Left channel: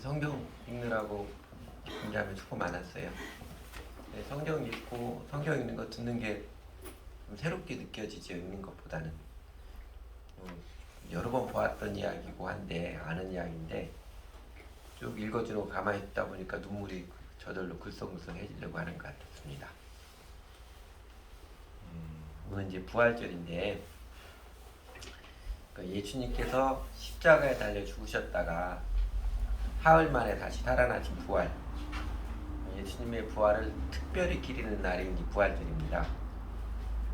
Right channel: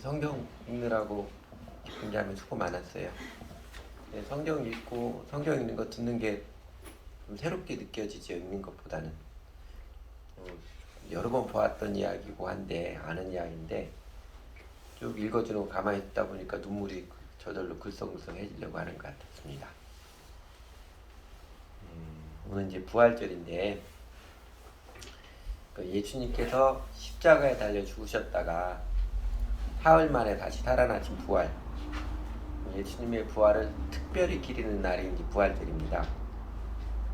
성경 읽느라고 굉장히 수고 많았어요. 성경 읽고 성경 읽는 거 듣는 게 좀 새롭게 느껴지죠. 읽는 것보다는 여러 번 보았던 이야기고 한데 아는 이야기인데 쭉 읽어주고 가만히 있다 보니까 눈물이 저절로 글썽글썽해지려고 하는 것 같았습니다. 오늘 이제 부활절인데 예수님께서 십자가에 달려 죽으셨다가 사흘 만에 다시 살아나신 부활, 예수님의 부활을 특별히 기리는 날이 이제 부활절입니다.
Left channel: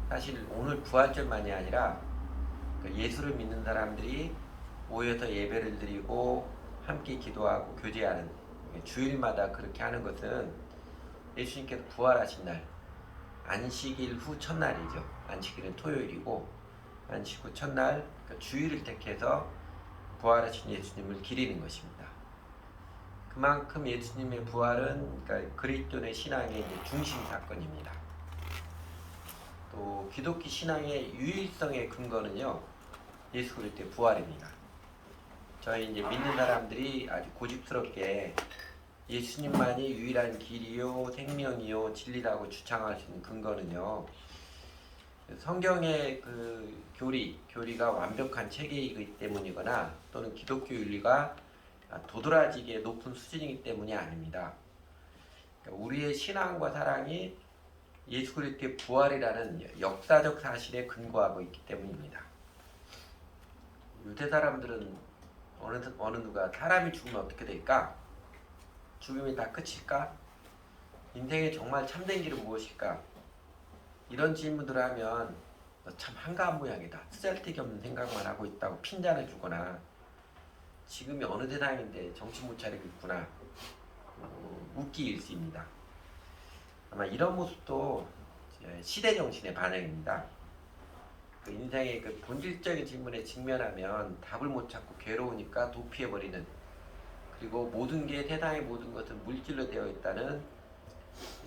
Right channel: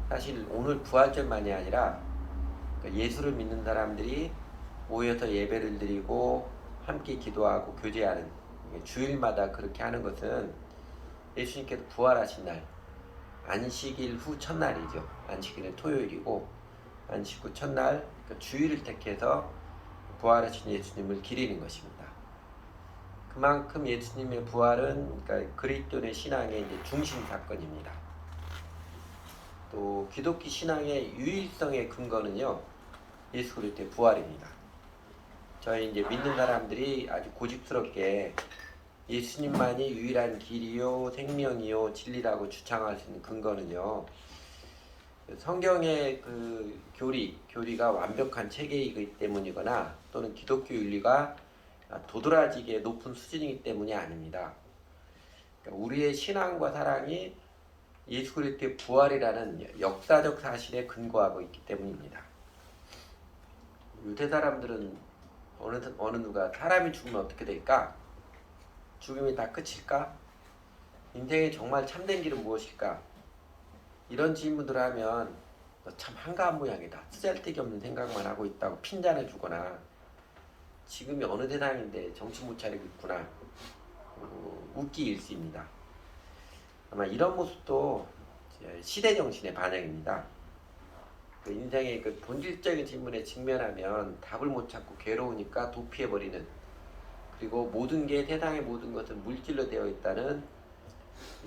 사실 오늘 부활절만이 아니라 예수를 믿는 사람들이 모여서 예배를 드리고 함께 기도하고 교제하는 주일마다 그렇게 하는 것은 예수님께서 부활하신 날, 안식일 후 첫날이죠. 안식일은 토요일이고 안식 후 첫날 주일을 택해서 부활하신 예수님을 기리는 것입니다. 그만큼 예수님의 부활은 그리스도의 신앙의 이제 중심 사건입니다. 또 기독교 신앙의 유일성의 근거는요, 예수 그리스도의 부활입니다. 저희 이제 믿는 사람들이 아주 고집스럽게 예수님만이 유일한 길이요, 생명이요, 진리라고 주장할 수 있는 근거는요, 성경의 그 교리가 완벽한 체계이기 때문이거나 또는 기독교 윤리가 도드라지게 높은 수준이기 때문이 아닙니다. 우리의 신앙과 사랑이 예수 그리스도의 부활이라는 역사적 사실에 근거하고 있기 때문입니다. 요새 사람들은 어느 누가 사람이 죽으면 어떻게 될까? 죽음이 다 끝일까? 인생의 정말 참된 길은 무엇일까? 이런 질문들을 하면 참 한가한 모양이다. 쓰잘데기 없는 생각만 하고 있다고 핀잔을 주거나 지금이 어느 세상인데 정신 못 차리고 있구나. 웃기 일시입니다. 아마 이런 모습도 시대 정신의 반영입니다. 그 인생의 그 본질적인 질문에 직면하면 답을 못 찾고 괴로우니까 도피해버리는, 그리고 모든 게 세상의 모든 것은 물질로 되어 있다는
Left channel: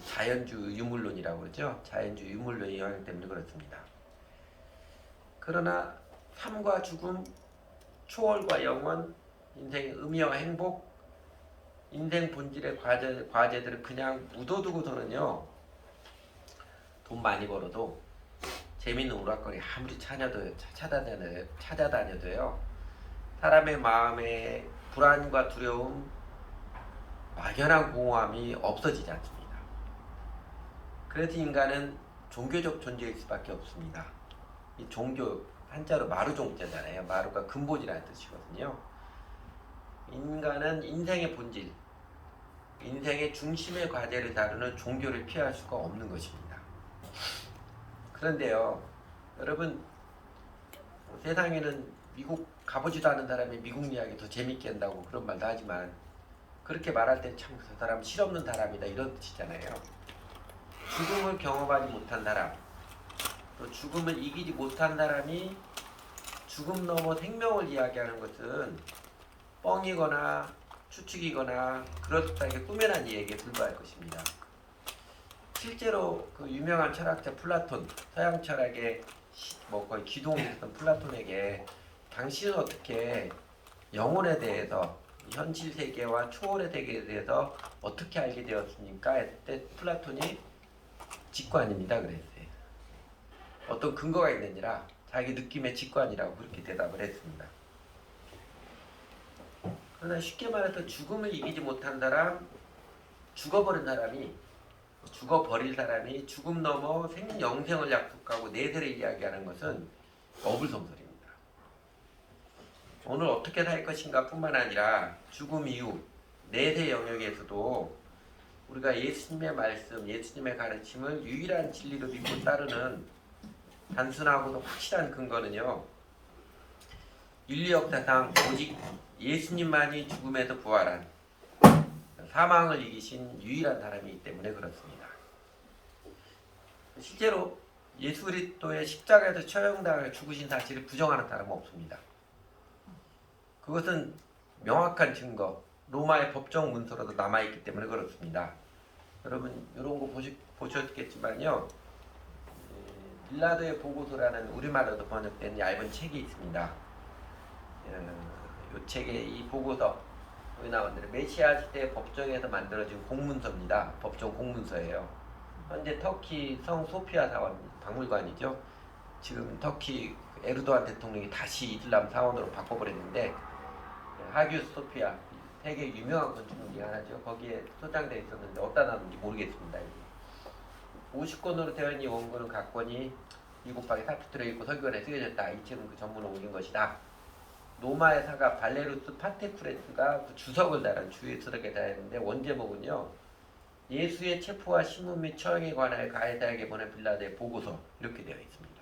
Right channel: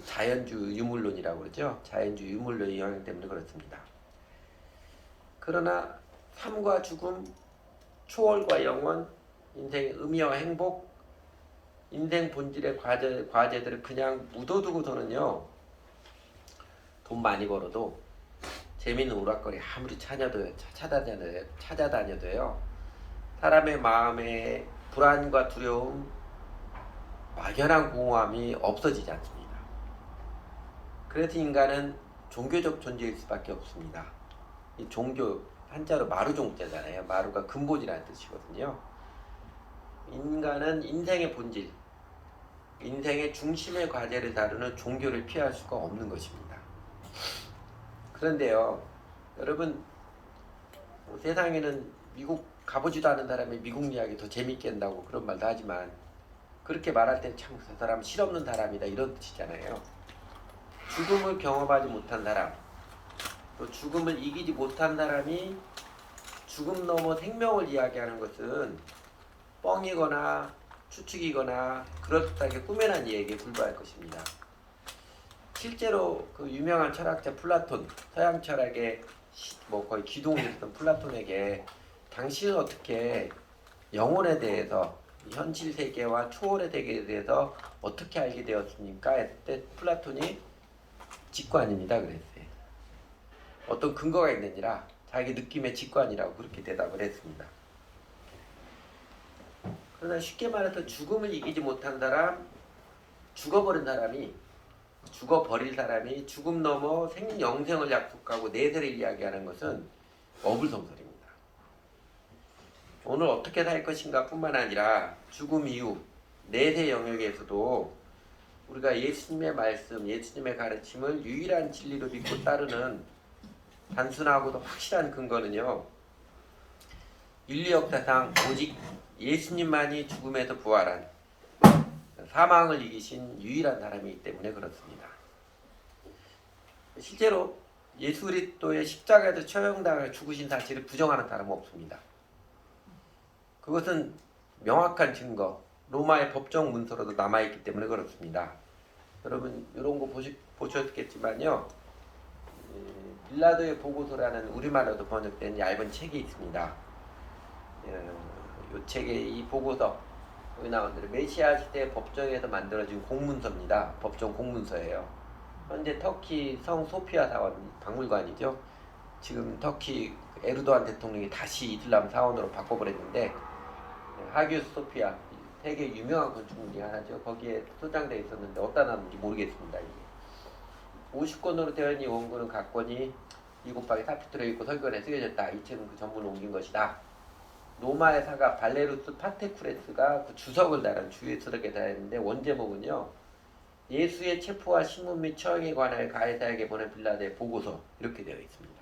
자연주의 유물론이라고 그러죠. 자연주의 유물론의 영향 때문에 그렇습니다. 그러나 삶과 죽음, 초월과 영원, 인생의 의미와 행복, 인생 본질의 과제들을 그냥 묻어두고서는요, 돈 많이 벌어도 재밌는 오락거리 아무리 찾아다녀도요, 사람의 마음에 불안과 두려움, 막연한 공허함이 없어지지 않습니다. 그래서 인간은 종교적 존재일 수밖에 없습니다. 이 종교, 한자로 마루종자잖아요. 마루가 근본이라는 뜻이거든요. 인간은 인생의 본질, 인생의 중심의 과제를 다루는 종교를 피할 수가 없는 것입니다. 그런데요, 여러분, 세상에는 미국 가보지도 않은 사람이 미국 이야기 더 재밌게 한다고 그런 말도 하지만, 그렇게 말할 때 참 그 사람 실없는 사람이다 이런 뜻이잖아요. 죽음을 경험하지 못한 사람, 또 죽음을 이기지 못한 사람이 죽음 넘어 생명을 이야기하는 것은 뻥이거나 추측이거나 그렇다게 꾸며낸 얘기에 불과할 것입니다. 실제로 그 유명한 철학자 플라톤, 서양 철학의 거의 기둥을 했던 플라톤에게 당신은 어떻게 영혼에 대해서, 현실 세계와 초월의 세계에 대해서 어떻게 알게 되었습니까? 했을 때 플라톤이 직관입니다 그랬어요. 어떤 근거가 있느니라 자기 느낌의 직관이라고 그렇게 대답을 했습니다. 그러나 쉽게 말해서 죽음을 이기지 못한 사람, 죽어버릴 사람이 죽음 넘어 영생을 약속하고 내세를 이야기하는 것은 어불성설입니다. 오늘 어떻게 살 것인가 뿐만 아니라 죽음 이후 내세 영역에서도 우리가 예수님의 말씀, 예수님의 가르침을 유일한 진리로 믿고 따르는 단순하고도 확실한 근거는요, 인류 역사상 오직 예수님만이 죽음에서 부활한, 사망을 이기신 유일한 사람이기 때문에 그렇습니다. 실제로 예수 그리스도의 십자가에서 처형당해 죽으신 사실을 부정하는 사람은 없습니다. 그것은 명확한 증거, 로마의 법정 문서로도 남아있기 때문에 그렇습니다. 여러분 이런 거 보셨겠지만요, 빌라도의 보고서라는 우리말로도 번역된 얇은 책이 있습니다. 이 책의 이 보고서, 여기 나온 대로 메시아 시대 법정에서 만들어진 공문서입니다. 법정 공문서예요. 현재 터키 성 소피아 사원 박물관이죠. 지금 터키 에르도안 대통령이 다시 이슬람 사원으로 바꿔버렸는데 하규 소피아 세계 유명한 건축물 중에 하나죠. 거기에 소장되어 있었는데 어디다 놨는지 모르겠습니다. 이게 50권으로 되어 있는 원고는 각 권이 2 곱하기 4피 들어있고 설교에 쓰여졌다. 이 책은 그 전문을 옮긴 것이다. 로마의 사가 발레루스 파테프레스가 그 주석을 달은 주의스럽게 달았는데 원제목은요. 예수의 체포와 신문 및 처형에 관하여 가이사에게 보낸 빌라도의 보고서 이렇게 되어 있습니다.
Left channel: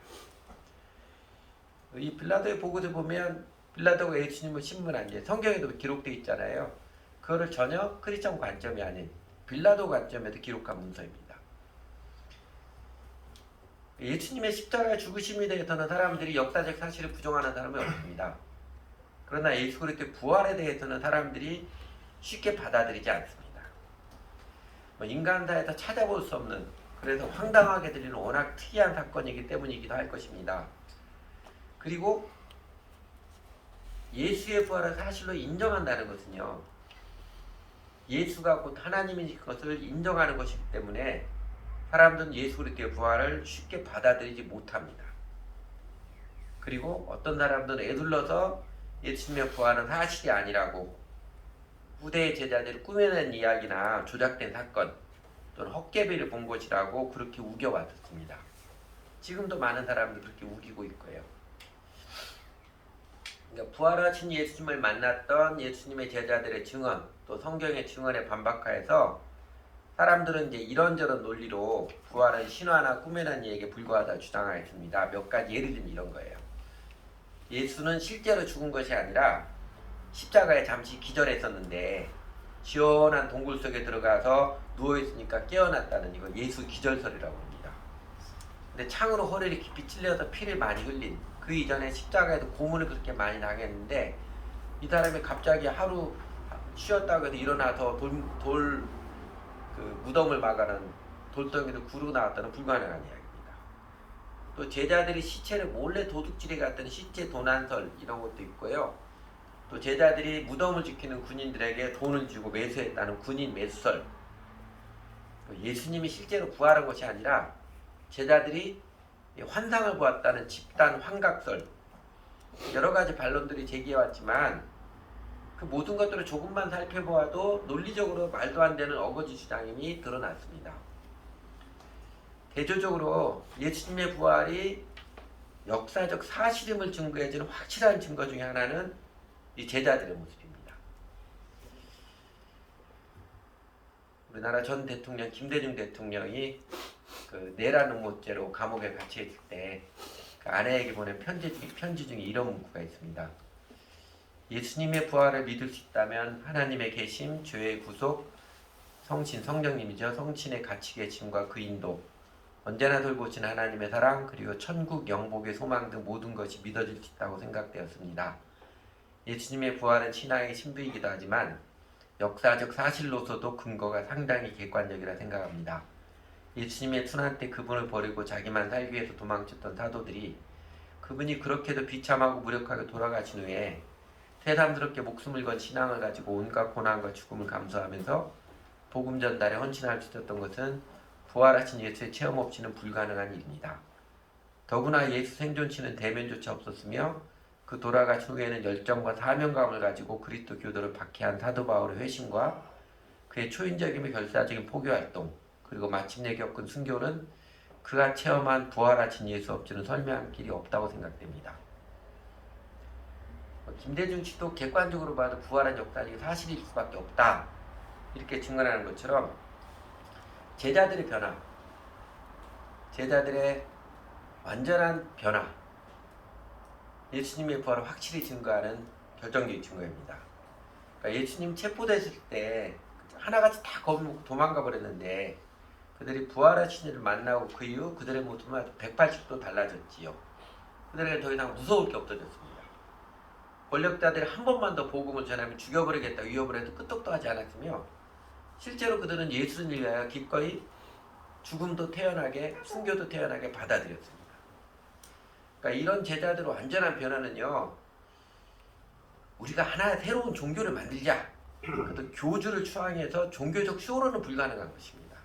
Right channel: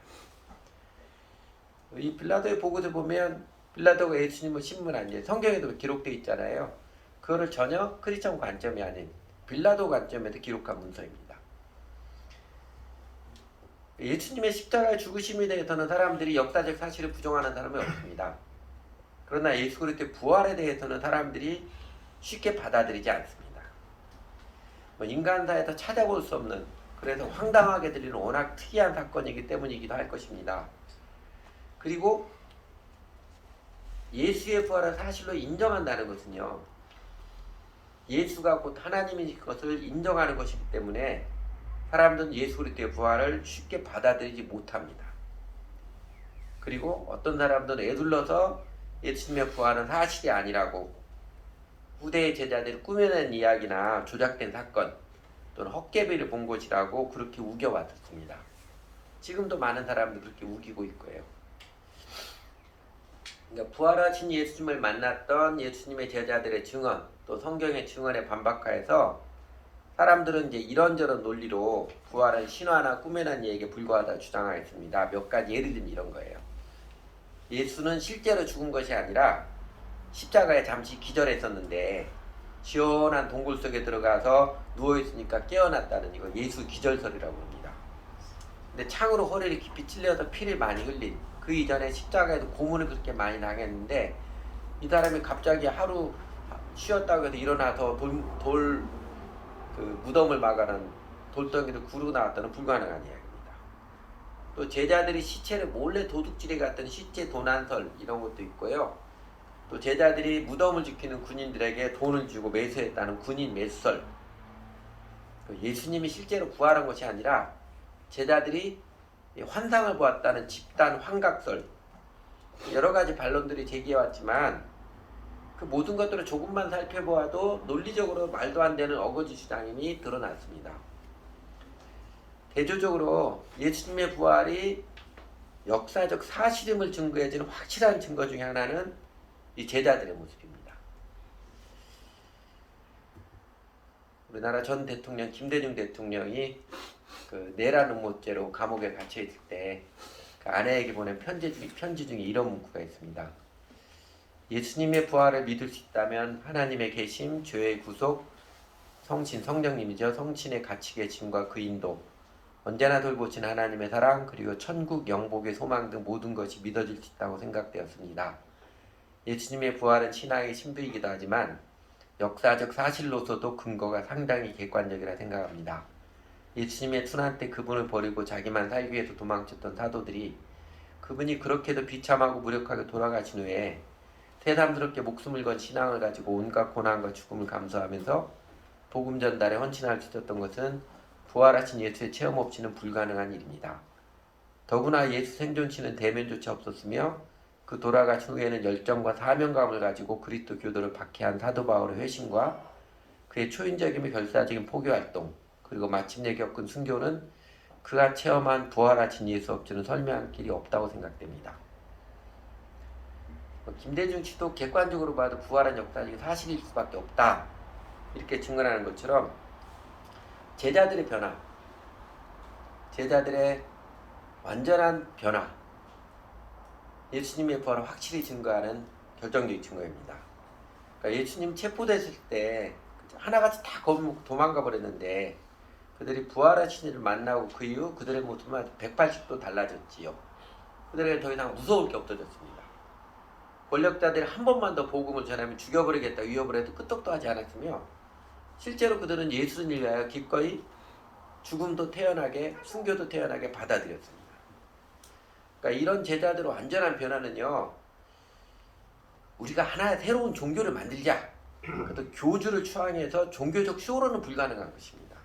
이 빌라도의 보고서에 보면 빌라도가 예수님을 신문한 게 성경에도 기록되어 있잖아요. 그거를 전혀 크리스천 관점이 아닌 빌라도 관점에서 기록한 문서입니다. 예수님의 십자가의 죽으심에 대해서는 사람들이 역사적 사실을 부정하는 사람이 없습니다. 그러나 예수 그리스도의 부활에 대해서는 사람들이 쉽게 받아들이지 않습니다. 인간사에서 찾아볼 수 없는, 그래서 황당하게 들리는 워낙 특이한 사건이기 때문이기도 할 것입니다. 그리고 예수의 부활을 사실로 인정한다는 것은요, 예수가 곧 하나님인 것을 인정하는 것이기 때문에 사람들은 예수 그리스도의 부활을 쉽게 받아들이지 못합니다. 그리고 어떤 사람들은 애둘러서 예수님의 부활은 사실이 아니라고 후대의 제자들이 꾸며낸 이야기나 조작된 사건 또는 헛개비를 본 것이라고 그렇게 우겨왔었습니다. 지금도 많은 사람들이 그렇게 우기고 있고요. 그러니까 부활하신 예수님을 만났던 예수님의 제자들의 증언 또 성경의 증언에 반박하여서 사람들은 이제 이런저런 논리로 부활은 신화나 꾸며낸 얘기에 불과하다 주장하였습니다. 몇 가지 예를 들면 이런 거예요. 예수는 실제로 죽은 것이 아니라 십자가에 잠시 기절했었는데 시원한 동굴 속에 들어가서 누워있으니까 깨어났다는 이거 예수 기절설이라고 합니다. 근데 창으로 허리를 깊이 찔려서 피를 많이 흘린 그 이전에 십자가에도 고문을 그렇게 많이 당했는데 이 사람이 갑자기 하루 쉬었다고 해서 일어나서 그 무덤을 막아는 돌덩이를 구르고 나왔다는 불가능한 이야기입니다. 또 제자들이 시체를 몰래 도둑질해 갔던 시체 도난설 이런 것도 있고요. 또 제자들이 무덤을 지키는 군인들에게 돈을 주고 매수했다는 군인 매수설. 예수님이 실제로 부활한 것이 아니라 제자들이 환상을 보았다는 집단 환각설. 여러 가지 반론들이 제기해왔지만 그 모든 것들을 조금만 살펴보아도 논리적으로 말도 안 되는 어거지 주장임이 드러났습니다. 대조적으로 예수님의 부활이 역사적 사실임을 증거해주는 확실한 증거 중에 하나는 이 제자들의 모습입니다. 우리나라 전 대통령 김대중 대통령이 그 내란 음모죄로 감옥에 갇혀 있을 때 그 아내에게 보낸 편지 중에 이런 문구가 있습니다. 예수님의 부활을 믿을 수 있다면 하나님의 계심, 죄의 구속, 성신, 성령님이죠. 성신의 가치 계심과 그 인도, 언제나 돌보신 하나님의 사랑, 그리고 천국 영복의 소망 등 모든 것이 믿어질 수 있다고 생각되었습니다. 예수님의 부활은 신앙의 신부이기도 하지만 역사적 사실로서도 근거가 상당히 객관적이라 생각합니다. 예수님의 순환 때 그분을 버리고 자기만 살기 위해서 도망쳤던 사도들이 그분이 그렇게도 비참하고 무력하게 돌아가신 후에 세상스럽게 목숨을 건 신앙을 가지고 온갖 고난과 죽음을 감수하면서 복음 전달에 헌신할 수 있었던 것은 부활하신 예수의 체험 없이는 불가능한 일입니다. 더구나 예수 생존치는 대면조차 없었으며 그 돌아가신 후에는 열정과 사명감을 가지고 그리스도 교도를 박해한 사도 바울의 회심과 그의 초인적이며 결사적인 포교활동 그리고 마침내 겪은 순교는 그가 체험한 부활하신 예수 없이는 설명할 길이 없다고 생각됩니다. 김대중 씨도 객관적으로 봐도 부활한 역사는 사실일 수밖에 없다 이렇게 증언하는 것처럼 제자들의 변화, 제자들의 완전한 변화, 예수님의 부활을 확실히 증거하는 결정적인 증거입니다. 그러니까 예수님 체포됐을 때 하나같이 다 도망가 버렸는데 그들이 부활하신 이를 만나고 그 이후 그들의 모습은 180도 달라졌지요. 그들에게 더 이상 무서울 게 없어졌습니다. 권력자들이 한 번만 더 복음을 전하면 죽여버리겠다 위협을 해도 끄떡도 하지 않았으며 실제로 그들은 예수를 위하여 기꺼이 죽음도 태어나게 순교도 태어나게 받아들였습니다. 그러니까 이런 제자들의 완전한 변화는요. 우리가 하나의 새로운 종교를 만들자 그것도 교주를 추앙해서 종교적 쇼로는 불가능한 것입니다.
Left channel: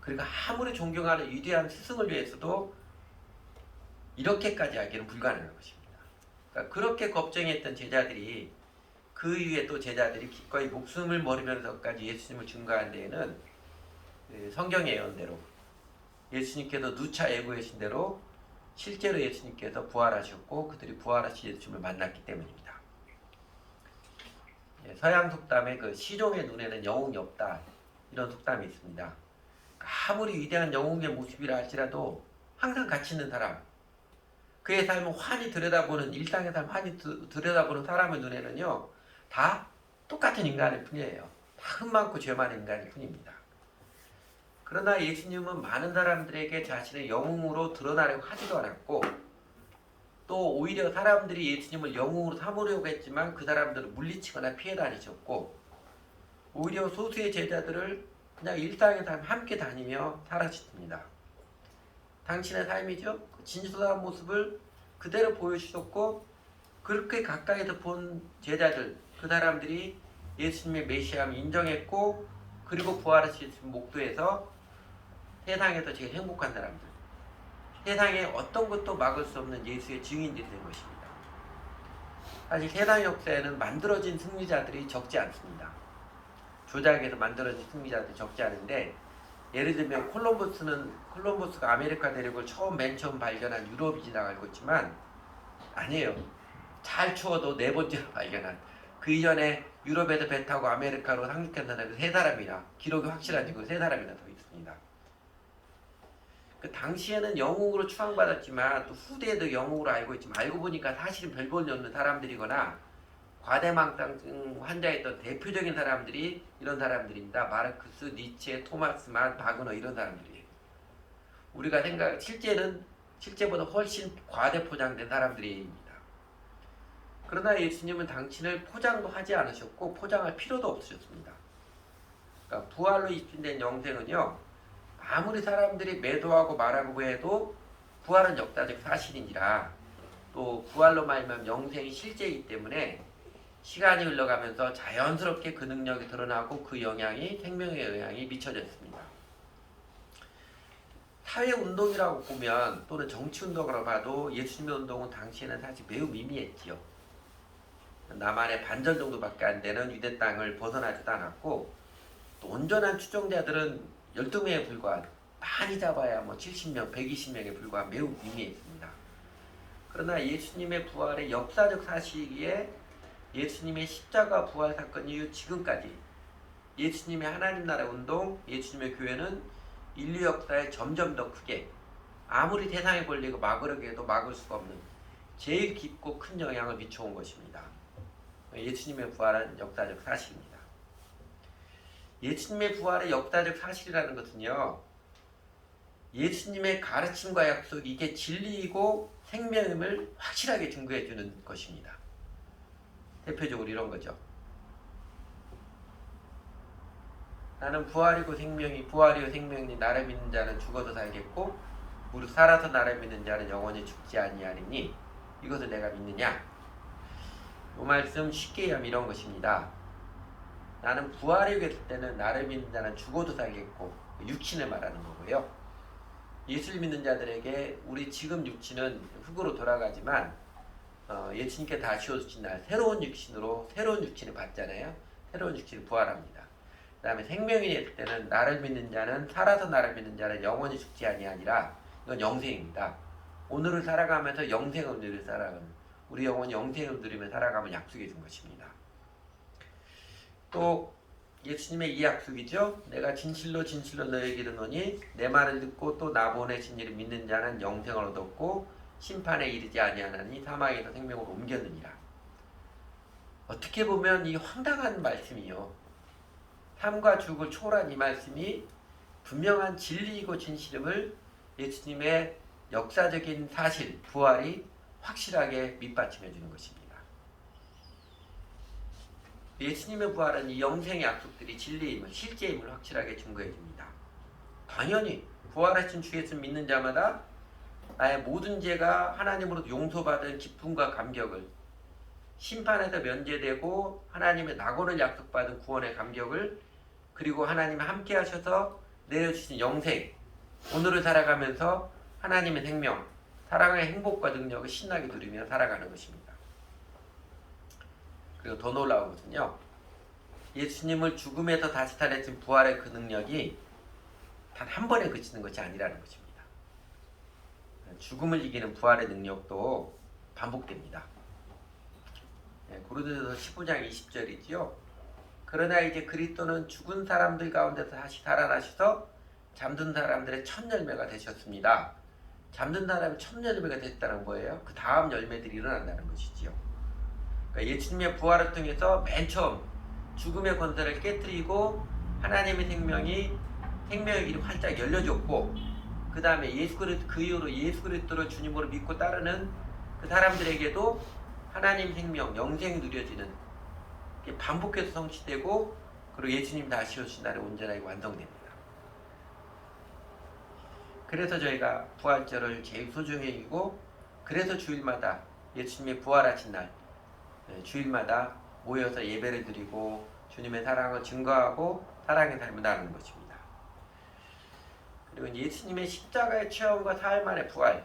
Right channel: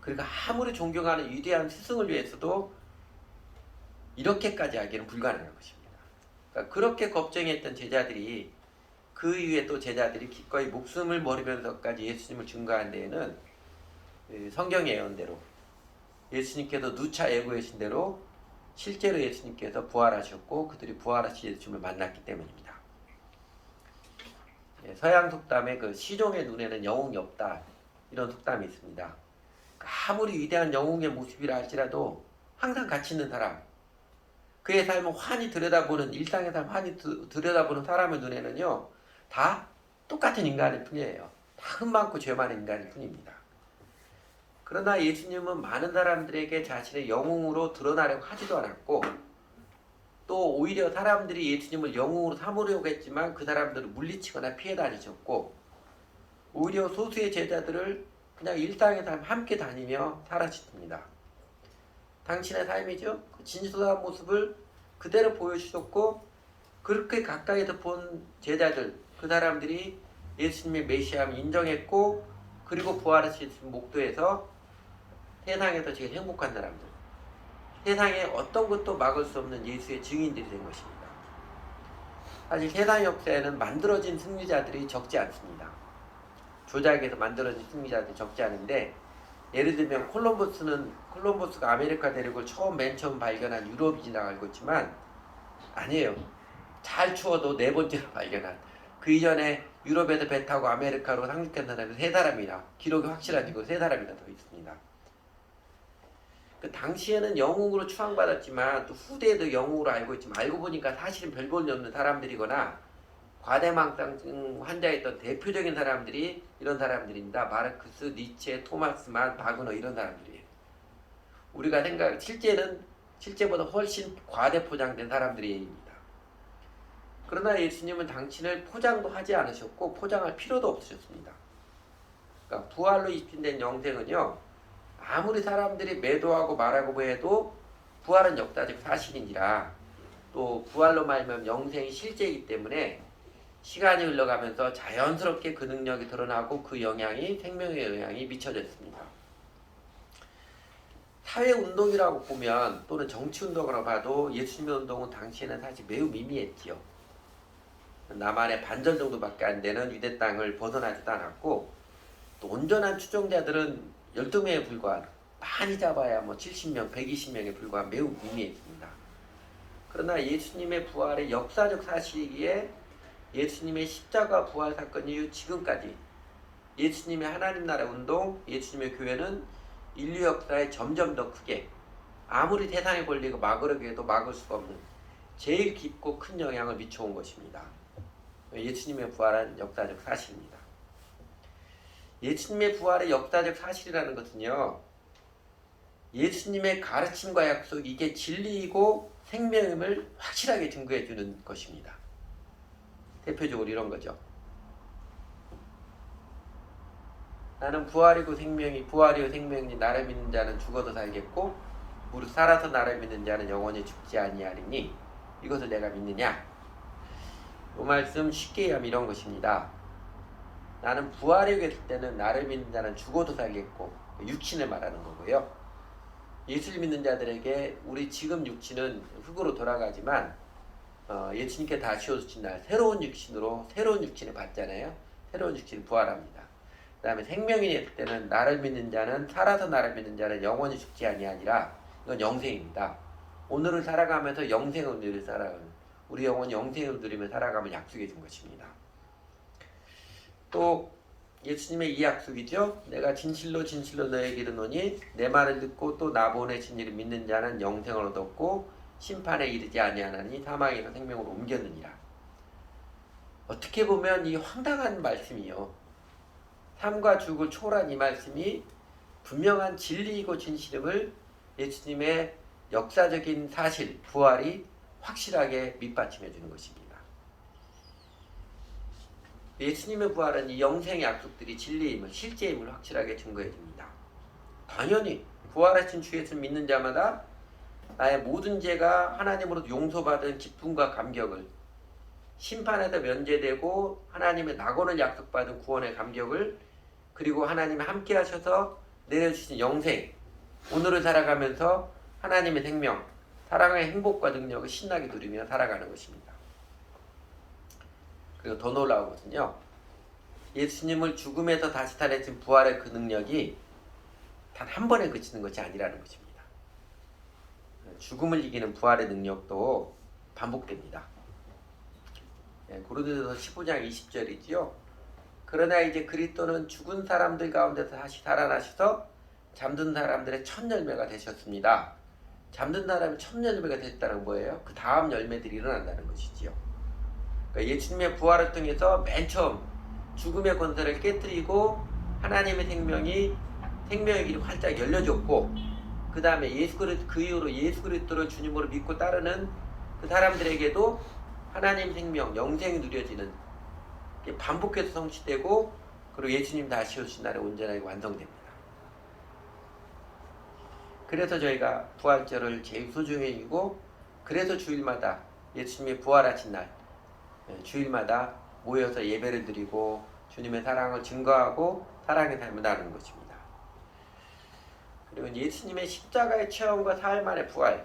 그러니까 아무리 존경하는 위대한 스승을 위해서도 이렇게까지 하기는 불가능한 것입니다. 그러니까 그렇게 걱정했던 제자들이 그 이후에 또 제자들이 기꺼이 목숨을 버리면서까지 예수님을 증거한 데에는 성경의 예언대로 예수님께서 누차 예고하신 대로 실제로 예수님께서 부활하셨고 그들이 부활하신 예수님을 만났기 때문입니다. 서양 속담에 그 시종의 눈에는 영웅이 없다 이런 속담이 있습니다. 아무리 위대한 영웅의 모습이라 할지라도 항상 가치 있는 사람, 그의 삶을 환히 들여다보는 일상의 삶 환히 들여다보는 사람의 눈에는요 다 똑같은 인간일 뿐이에요. 다 흠 많고 죄 많은 인간일 뿐입니다. 그러나 예수님은 많은 사람들에게 자신의 영웅으로 드러나려고 하지도 않았고 또 오히려 사람들이 예수님을 영웅으로 삼으려고 했지만 그 사람들을 물리치거나 피해 다니셨고 오히려 소수의 제자들을 그냥 일상의 삶 함께 다니며 살아주십니다. 당신의 삶이죠. 진솔한 모습을 그대로 보여주셨고 그렇게 가까이서 본 제자들 그 사람들이 예수님의 메시아함을 인정했고 그리고 부활하신 목도에서 세상에서 제일 행복한 사람들 세상에 어떤 것도 막을 수 없는 예수의 증인들이 된 것입니다. 사실 세상 역사에는 만들어진 승리자들이 적지 않습니다. 조작에서 만들어진 승리자들이 적지 않은데 예를 들면 콜럼버스가 아메리카 대륙을 맨 처음 발견한 유럽인이라고 알고 있지만 아니에요. 잘 추워도 네 번째로 발견한 그 이전에 유럽에서 배 타고 아메리카로 상륙한 사람이 3사람이나 기록이 확실하지고 3사람이나 더 있습니다. 그 당시에는 영웅으로 추앙받았지만 또 후대에도 영웅으로 알고 있지만 알고 보니까 사실은 별 볼일 없는 사람들이거나 과대망상증 환자였던 대표적인 사람들이 이런 사람들입니다. 마르크스, 니체, 토마스만, 바그너 이런 사람들이에요. 우리가 실제보다 훨씬 과대포장된 사람들입니다. 그러나 예수님은 당신을 포장도 하지 않으셨고 포장할 필요도 없으셨습니다. 그러니까 부활로 입힌된 영생은요. 아무리 사람들이 매도하고 말하고 해도 부활은 역사적 사실이니라 또 부활로 말하면 영생이 실제이기 때문에 시간이 흘러가면서 자연스럽게 그 능력이 드러나고 그 영향이 생명의 영향이 미쳐졌습니다. 사회운동이라고 보면 또는 정치운동이라고 봐도 예수님의 운동은 당시에는 사실 매우 미미했지요. 남한의 반전 정도밖에 안 되는 유대 땅을 벗어나지도 않았고 또 온전한 추종자들은 12명에 불과한 많이 잡아야 70명, 120명에 불과한 매우 미미했습니다. 그러나 예수님의 부활의 역사적 사실이기에 예수님의 십자가 부활 사건 이후 지금까지 예수님의 하나님 나라 운동, 예수님의 교회는 인류 역사에 점점 더 크게 아무리 세상의 권리가 막으려고 해도 막을 수가 없는 제일 깊고 큰 영향을 미쳐온 것입니다. 예수님의 부활은 역사적 사실입니다. 예수님의 부활의 역사적 사실이라는 것은요. 예수님의 가르침과 약속 이게 진리이고 생명임을 확실하게 증거해 주는 것입니다. 대표적으로 이런 거죠. 나는 부활이고 생명이니 나를 믿는 자는 죽어도 살겠고 무릇 살아서 나를 믿는 자는 영원히 죽지 아니하리니 이것을 내가 믿느냐. 이 말씀 쉽게 하면 이런 것입니다. 나는 부활이 했을 때는 나를 믿는 자는 죽어도 살겠고 육신을 말하는 거고요. 예수를 믿는 자들에게 우리 지금 육신은 흙으로 돌아가지만 예수님께 다시 오신 날 새로운 육신을 받잖아요. 새로운 육신을 부활합니다. 그 다음에 생명이 됐을 때는 나를 믿는 자는 살아서 나를 믿는 자는 영원히 죽지 아니하니라. 이건 영생입니다. 오늘을 살아가면서 영생을 누리며 살아가는 우리 영혼이 영생을 누리며 살아가면 약속해 준 것입니다. 또 예수님의 이 약속이죠. 내가 진실로 너에게 이르노니 내 말을 듣고 또 나 보내신 이를 믿는 자는 영생을 얻었고 심판에 이르지 아니하나니 사망에서 생명으로 옮겼느니라. 어떻게 보면 이 황당한 말씀이요. 삶과 죽을 초월한 이 말씀이 분명한 진리이고 진실임을 예수님의 역사적인 사실, 부활이 확실하게 밑받침해 주는 것입니다. 예수님의 부활은 이 영생의 약속들이 진리임을, 실제임을 확실하게 증거해 줍니다. 당연히 부활하신 주 예수 믿는 자마다 나의 모든 죄가 하나님으로 용서받은 기쁨과 감격을 심판에서 면제되고 하나님의 낙원을 약속받은 구원의 감격을, 그리고 하나님이 함께 하셔서 내려주신 영생, 오늘을 살아가면서 하나님의 생명, 사랑의 행복과 능력을 신나게 누리며 살아가는 것입니다. 그리고 더 놀라우거든요. 예수님을 죽음에서 다시 살아진 부활의 그 능력이 단 한 번에 그치는 것이 아니라는 것입니다. 죽음을 이기는 부활의 능력도 반복됩니다. 고린도전서 15장 20절이지요. 그러나 이제 그리스도는 죽은 사람들 가운데서 다시 살아나셔서 잠든 사람들의 첫 열매가 되셨습니다. 잠든 사람이 첫 열매가 됐다는 거예요. 그 다음 열매들이 일어난다는 것이지요. 그러니까 예수님의 부활을 통해서 맨 처음 죽음의 권세를 깨뜨리고 하나님의 생명의 길이 활짝 열려졌고, 그 다음에 그 이후로 예수 그리스도를 주님으로 믿고 따르는 그 사람들에게도 하나님 생명, 영생이 누려지는, 반복해서 성취되고, 그리고 예수님 다시 오신 날에 온전하게 완성됩니다. 그래서 저희가 부활절을 제일 소중히 여기고, 그래서 주일마다 예수님의 부활하신 날 주일마다 모여서 예배를 드리고 주님의 사랑을 증거하고 사랑의 삶을 나누는 것입니다. 그리고 예수님의 십자가의 체험과 사흘 만의 부활,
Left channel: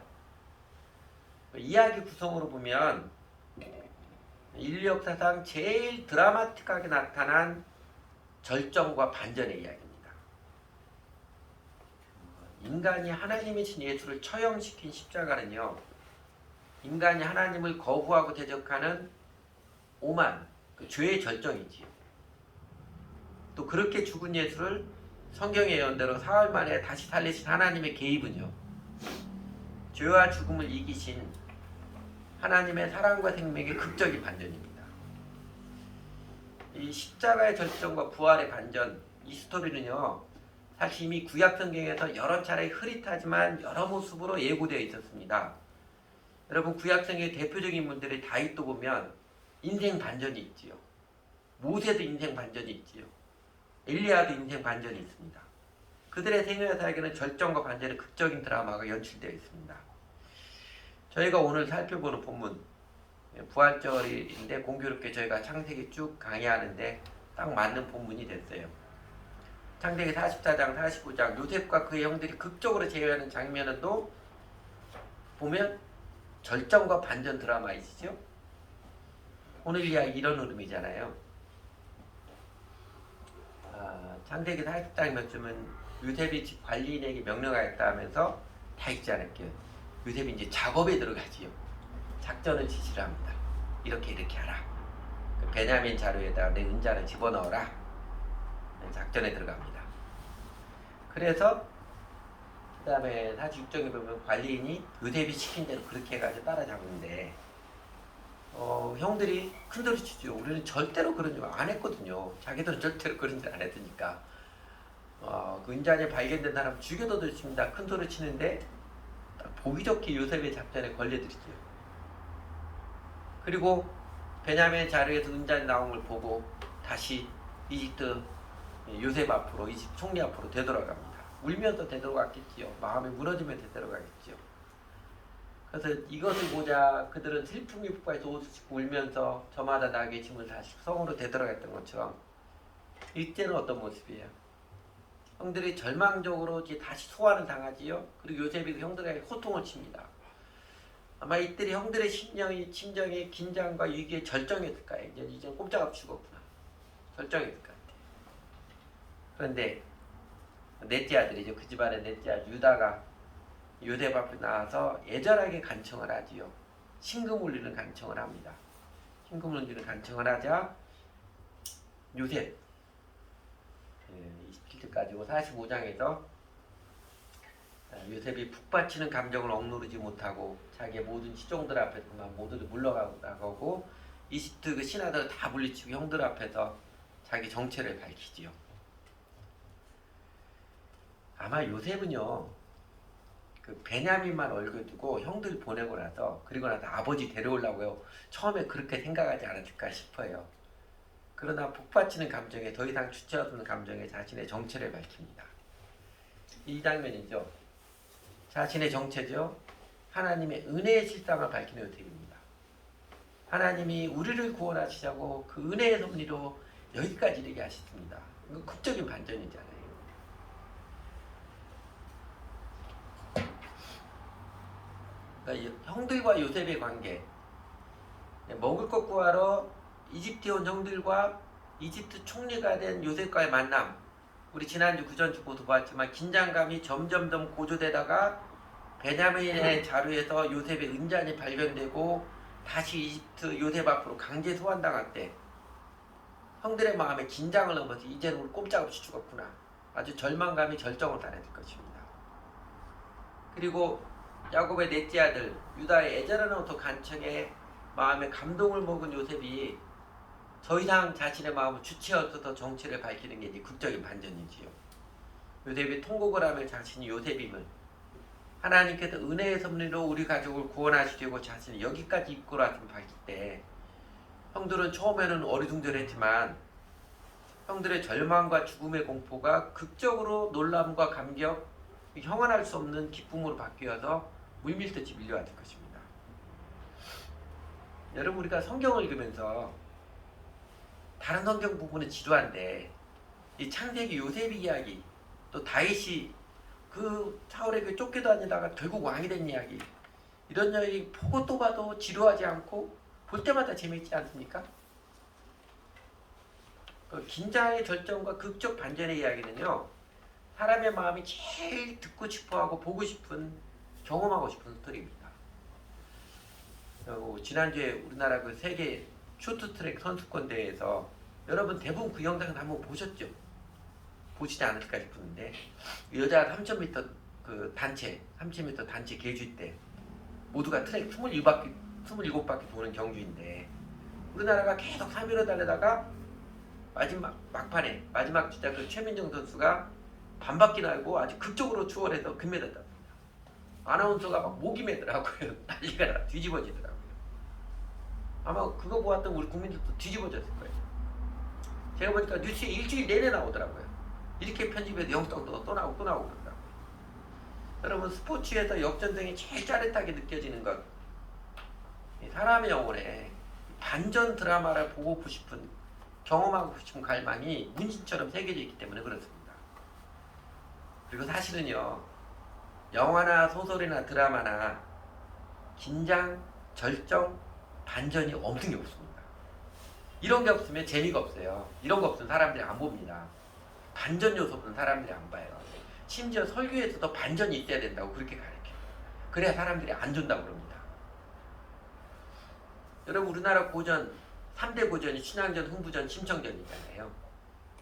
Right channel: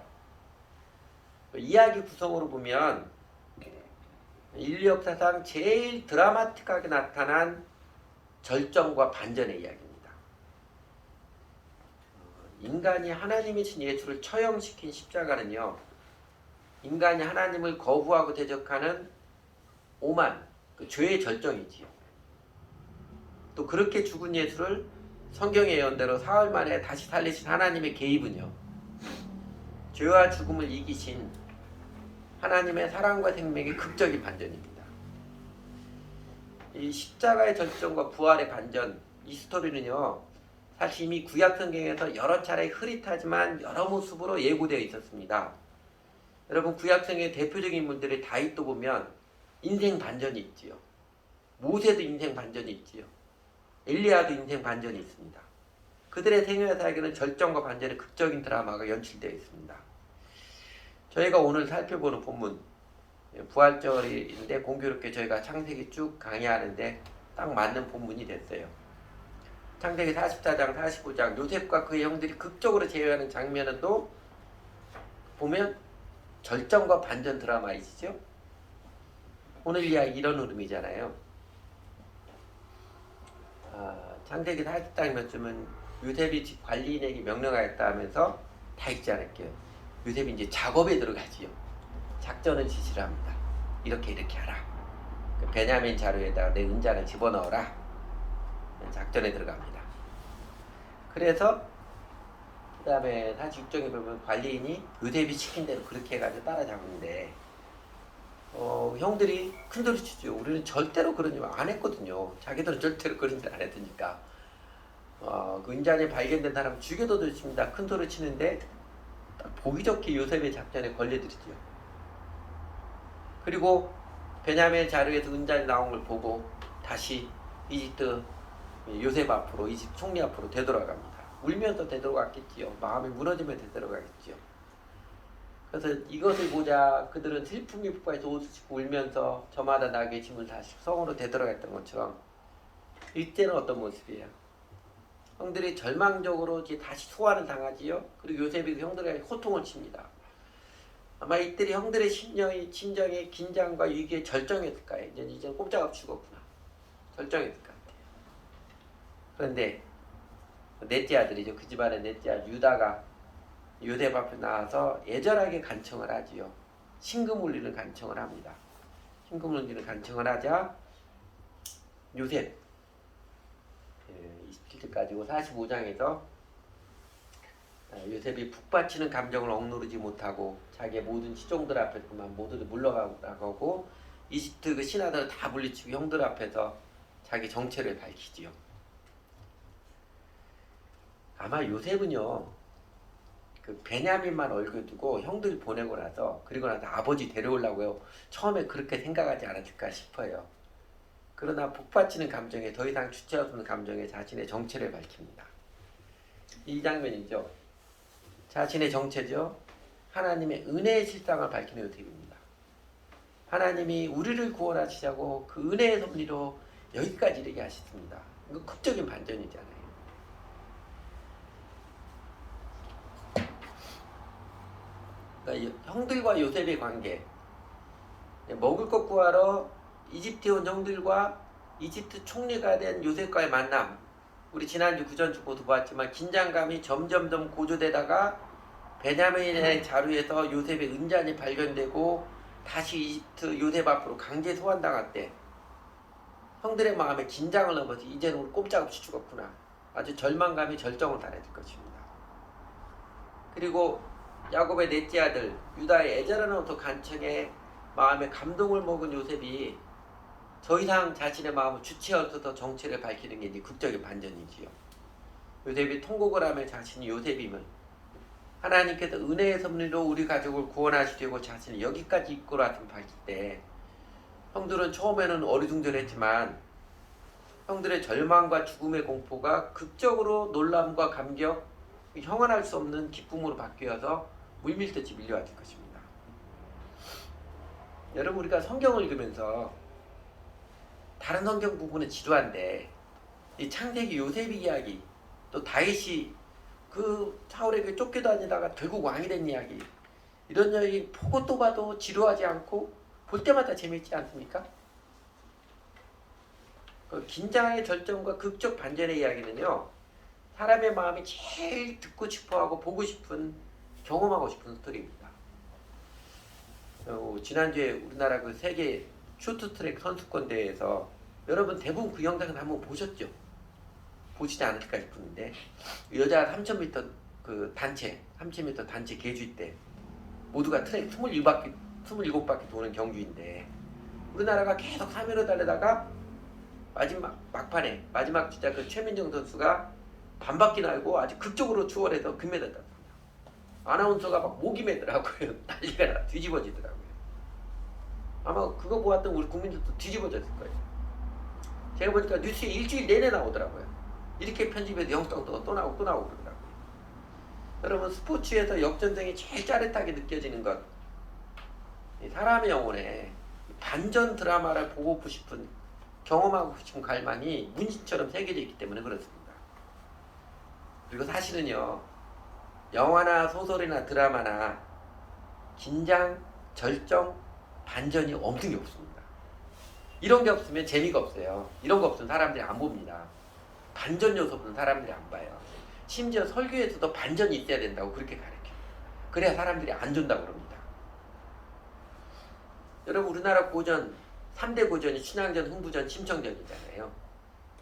이야기 구성으로 보면 인류 역사상 제일 드라마틱하게 나타난 절정과 반전의 이야기입니다. 인간이 하나님이신 예수를 처형시킨 십자가는요, 인간이 하나님을 거부하고 대적하는 오만, 그 죄의 절정이지요. 또 그렇게 죽은 예수를 성경의 예언대로 사흘 만에 다시 살리신 하나님의 개입은요, 죄와 죽음을 이기신 하나님의 사랑과 생명의 극적인 반전입니다. 이 십자가의 절정과 부활의 반전, 이 스토리는요, 사실 이미 구약 성경에서 여러 차례 흐릿하지만 여러 모습으로 예고되어 있었습니다. 여러분, 구약 성경의 대표적인 인물들의 다윗도 보면 인생 반전이 있지요. 모세도 인생 반전이 있지요. 엘리야도 인생 반전이 있습니다. 그들의 생애사에게는 절정과 반전의 극적인 드라마가 연출되어 있습니다. 저희가 오늘 살펴보는 본문, 부활절인데 공교롭게 저희가 창세기 쭉 강의하는데 딱 맞는 본문이 됐어요. 창세기 44장, 45장, 요셉과 그의 형들이 극적으로 제외하는 장면은 또 보면 절정과 반전 드라마이시죠. 오늘 이야기 이런 흐름이잖아요. 창세기 40장쯤은 요셉이 집 관리인에게 명령하였다 하면서 다 읽지 않을게요. 요셉이 이제 작업에 들어가지요. 작전을 지시를 합니다. 이렇게 하라. 그 베냐민 자루에다가 내 은자를 집어넣어라. 작전에 들어갑니다. 그래서 그 다음에 46장에 보면 관리인이 요셉이 시킨 대로 그렇게 해가지고 따라잡는데 형들이 큰소리 치죠. 우리는 절대로 그런 일 안 했거든요. 자기들은 절대로 그런 일 안 했으니까. 그 은잔이 발견된 사람 죽여도 좋습니다. 큰소리 치는데 딱 보기 좋게 요셉의 작전에 걸려들이죠. 그리고 베냐민 자루에서 은잔이 나온 걸 보고 다시 이집트 요셉 앞으로, 이집트 총리 앞으로 되돌아갑니다. 울면서 되돌아갔겠지요. 마음이 무너지며 되돌아가겠지요. 그래서 이것을 보자 그들은 슬픔이 폭발해서 옷을 찢고 울면서 저마다 나에게 짐을 다시 성으로 되돌아갔던 것처럼, 이때는 어떤 모습이에요? 형들이 절망적으로 이제 다시 소환을 당하지요. 그리고 요셉이 형들에게 호통을 칩니다. 아마 이들이 형들의 심정이 긴장과 위기의 절정이었을 거예요. 이제 꼼짝없이 죽었구나. 절정이었을 것 같아요. 그런데 넷째 아들이죠. 그 집안의 넷째 아들 유다가 요셉 앞에 나와서 애절하게 간청을 하지요. 신금 울리는 간청을 합니다. 신금 울리는 간청을 하자 요셉 27절까지고 45장에서 요셉이 북받치는 감정을 억누르지 못하고 자기의 모든 시종들 앞에서 그만 모두를 물러가고 이집트 그 신하들을 다 물리치고 형들 앞에서 자기 정체를 밝히지요. 아마 요셉은요, 그 베냐민만 얼굴 두고 형들 보내고 나서, 그리고 나서 아버지 데려오려고요, 처음에 그렇게 생각하지 않았을까 싶어요. 그러나 북받치는 감정에, 더 이상 주체 없는 감정에 자신의 정체를 밝힙니다. 이 장면이죠. 자신의 정체죠. 하나님의 은혜의 실상을 밝히는 요셉입니다. 하나님이 우리를 구원하시자고 그 은혜의 섭리로 여기까지 이르게 하셨습니다. 이거 극적인 반전이잖아요. 그러니까 형들과 요셉의 관계, 먹을 것 구하러 이집트에 온 형들과 이집트 총리가 된 요셉과의 만남, 우리 지난주 그전주 모두 봤지만 긴장감이 점점점 고조되다가 베냐민의 자루에서 요셉의 은잔이 발견되고 다시 이집트 요셉 앞으로 강제 소환당할 때 형들의 마음에 긴장을 넘어서 이제는 우리 꼼짝없이 죽었구나, 아주 절망감이 절정을 달했을 것입니다. 그리고 야곱의 넷째 아들 유다의 에제르노토 간청에 마음에 감동을 먹은 요셉이 더 이상 자신의 마음을 주체하여서 정체를 밝히는 게 이제 극적인 반전이지요. 요셉이 통곡을 하며 자신이 요셉임을, 하나님께서 은혜의 섭리로 우리 가족을 구원하시려고 자신을 여기까지 이끌어왔음을 밝힐 때 형들은 처음에는 어리둥절했지만 형들의 절망과 죽음의 공포가 극적으로 놀람과 감격, 형언할 수 없는 기쁨으로 바뀌어서 물밀듯이 밀려왔을 것입니다. 여러분, 우리가 성경을 읽으면서 다른 성경 부분은 지루한데 이 창세기 요셉 이야기, 또 다윗이 그 사울에게 쫓겨다니다가 결국 왕이 된 이야기, 이런 이야기 보고 또 봐도 지루하지 않고 볼 때마다 재미있지 않습니까? 그 긴장의 절정과 극적 반전의 이야기는요, 사람의 마음이 제일 듣고 싶어하고 보고 싶은, 경험하고 싶은 스토리입니다. 지난주에 우리나라 그 세계 쇼트트랙 선수권 대회에서 여러분 대부분 그 영상을 한번 보셨죠? 보시지 않을까 싶은데, 여자 3000m 그 단체 3000m 단체 계주 때 모두가 트랙 27바퀴 도는 경주인데 우리나라가 계속 3위로 달리다가 마지막 막판에 마지막 주자 그 최민정 선수가 반바퀴 날고 아주 극적으로 추월해서 금메달 땄습니다. 아나운서가 막 목이 메더라고요. 난리가 나 뒤집어지더라고요. 아마 그거 보았던 우리 국민들도 뒤집어졌을 거예요. 제가 보니까 뉴스에 일주일 내내 나오더라고요. 이렇게 편집해서 영상도 또 나오고 그러더라고요. 여러분, 스포츠에서 역전승이 제일 짜릿하게 느껴지는 것, 사람의 영혼에 반전 드라마를 보고 싶은, 경험하고 싶은 갈망이 문신처럼 새겨져 있기 때문에 그렇습니다. 그리고 사실은요, 영화나 소설이나 드라마나 긴장, 절정, 반전이 없는 게 없습니다. 이런 게 없으면 재미가 없어요. 이런 거 없으면 사람들이 안 봅니다. 반전 요소 없는 사람들이 안 봐요. 심지어 설교에서도 반전이 있어야 된다고 그렇게 가르쳐요. 그래야 사람들이 안 준다고 그럽니다. 여러분, 우리나라 고전 3대 고전이 춘향전, 흥부전, 심청전이잖아요.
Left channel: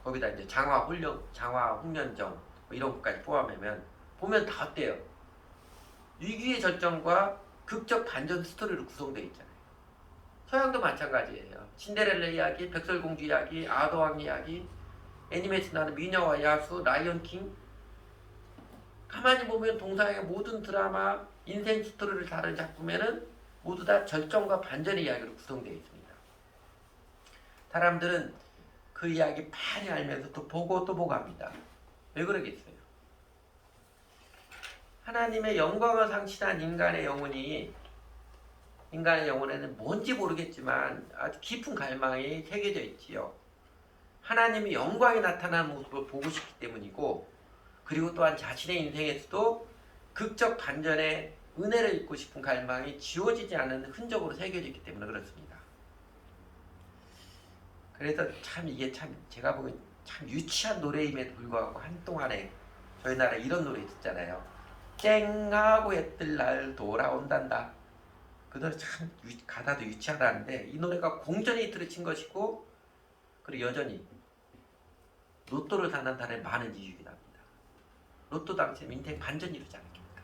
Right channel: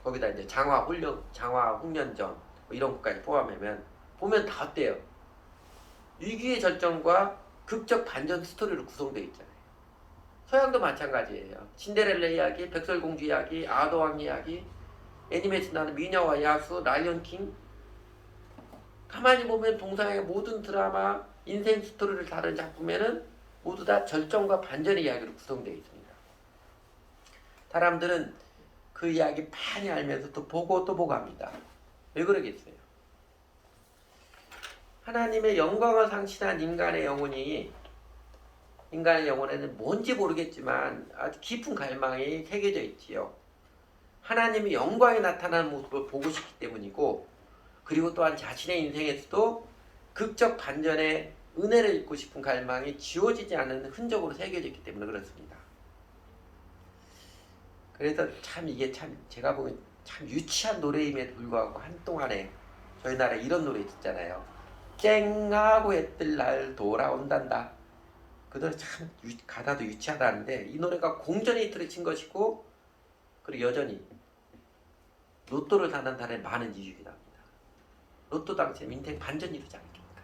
거기다 이제 장화, 홍련전 뭐 이런 것까지 포함하면 보면 다 어때요? 위기의 절정과 극적 반전 스토리로 구성되어 있잖아요. 서양도 마찬가지예요. 신데렐라 이야기, 백설공주 이야기, 아더왕 이야기, 애니메이션 나는 미녀와 야수, 라이언킹. 가만히 보면 동사의 모든 드라마, 인생 스토리를 다룬 작품에는 모두 다 절정과 반전의 이야기로 구성되어 있습니다. 사람들은 그 이야기 많이 알면서 또 보고 또 보고 합니다. 왜 그러겠어요? 하나님의 영광을 상실한 인간의 영혼에는 뭔지 모르겠지만 아주 깊은 갈망이 새겨져 있지요. 하나님의 영광이 나타나는 모습을 보고 싶기 때문이고, 그리고 또한 자신의 인생에서도 극적 반전의 은혜를 입고 싶은 갈망이 지워지지 않은 흔적으로 새겨져 있기 때문에 그렇습니다. 그래서 참 이게 참 제가 보기엔 참 유치한 노래임에도 불구하고 한동안에 저희 나라에 이런 노래 있잖아요. 쨍하고 해뜰 날 돌아온단다. 그 노래 참 가사도 유치하다는데 이 노래가 공전의 히트를 친 것이고, 그리고 여전히 로또를 사는 사람이 많은 이유이기도 합니다. 로또 당첨 인생 반전이 이루지 않겠습니까?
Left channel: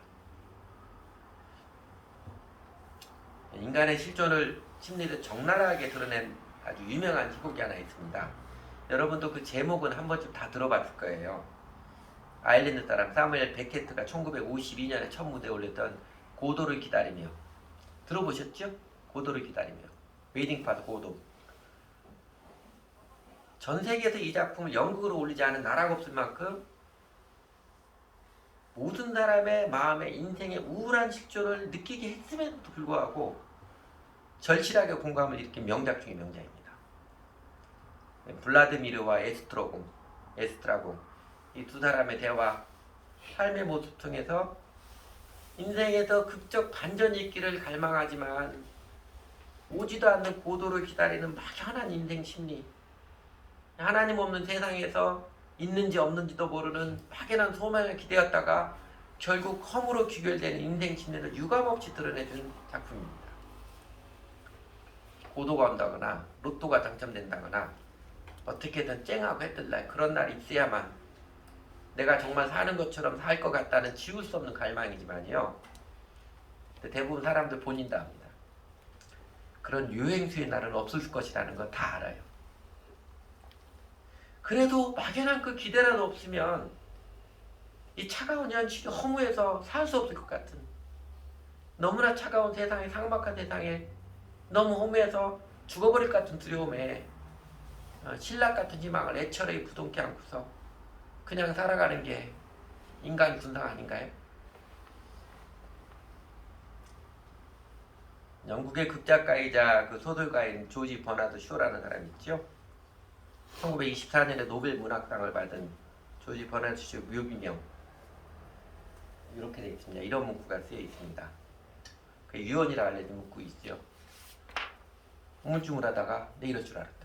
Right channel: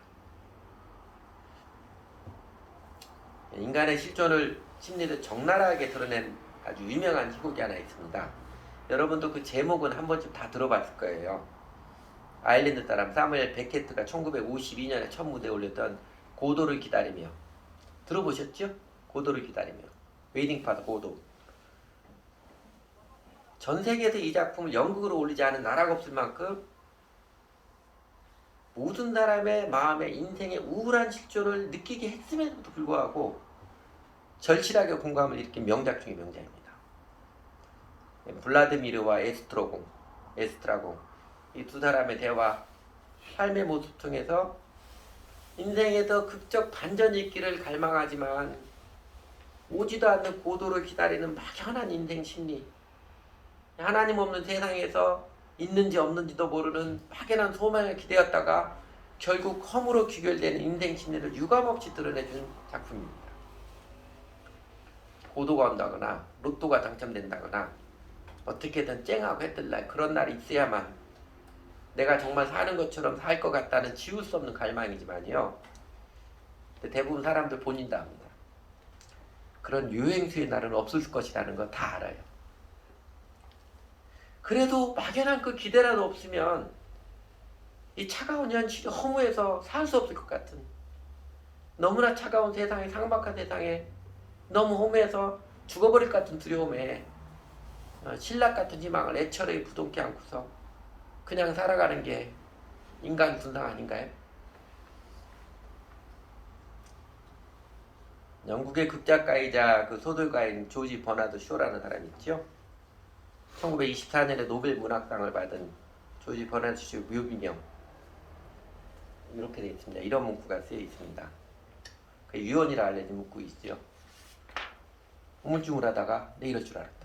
인간의 실존을 심리를 적나라하게 드러낸 아주 유명한 희곡이 하나 있습니다. 여러분도 그 제목은 한 번쯤 다 들어봤을 거예요. 아일랜드 사람 사무엘 베케트가 1952년에 첫 무대에 올렸던 고도를 기다리며. 들어보셨죠? 고도를 기다리며. 웨이팅 파더 고도. 전 세계에서 이 작품을 연극으로 올리지 않은 나라가 없을 만큼 모든 사람의 마음에 인생의 우울한 실존을 느끼게 했음에도 불구하고 절실하게 공감을 일으킨 명작 중의 명작입니다. 블라드미르와 에스트라공 이 두 사람의 대화, 삶의 모습 통해서 인생에서 극적 반전이 있기를 갈망하지만 오지도 않는 고도를 기다리는 막연한 인생 심리, 하나님 없는 세상에서 있는지 없는지도 모르는 막연한 소망을 기대었다가 결국 험으로 귀결되는 인생 심리를 유감없이 드러내주는 작품입니다. 고도가 온다거나 로또가 당첨된다거나 어떻게든 쨍하고 해뜰 날, 그런 날이 있어야만 내가 정말 사는 것처럼 살 것 같다는 지울 수 없는 갈망이지만요, 대부분 사람들 본인 다 합니다. 그런 유행수의 날은 없을 것이라는 거 다 알아요. 그래도 막연한 그 기대라도 없으면 이 차가운 현실이 허무해서 살 수 없을 것 같은, 너무나 차가운 세상에, 삭막한 세상에 너무 허무해서 죽어버릴 것 같은 두려움에 신락 같은 희망을 애처로이 부둥켜 안고서 그냥 살아가는 게 인간 군상 아닌가요? 영국의 극작가이자 그 소설가인 조지 버나드 쇼라는 사람이 있죠. 1924년에 노벨 문학상을 받은 조지 버나드 쇼 묘비명, 이렇게 되어 있습니다. 이런 문구가 쓰여 있습니다. 그 유언이라 알려진 문구 있죠. 우물쭈물 하다가 내 이럴 줄 알았다.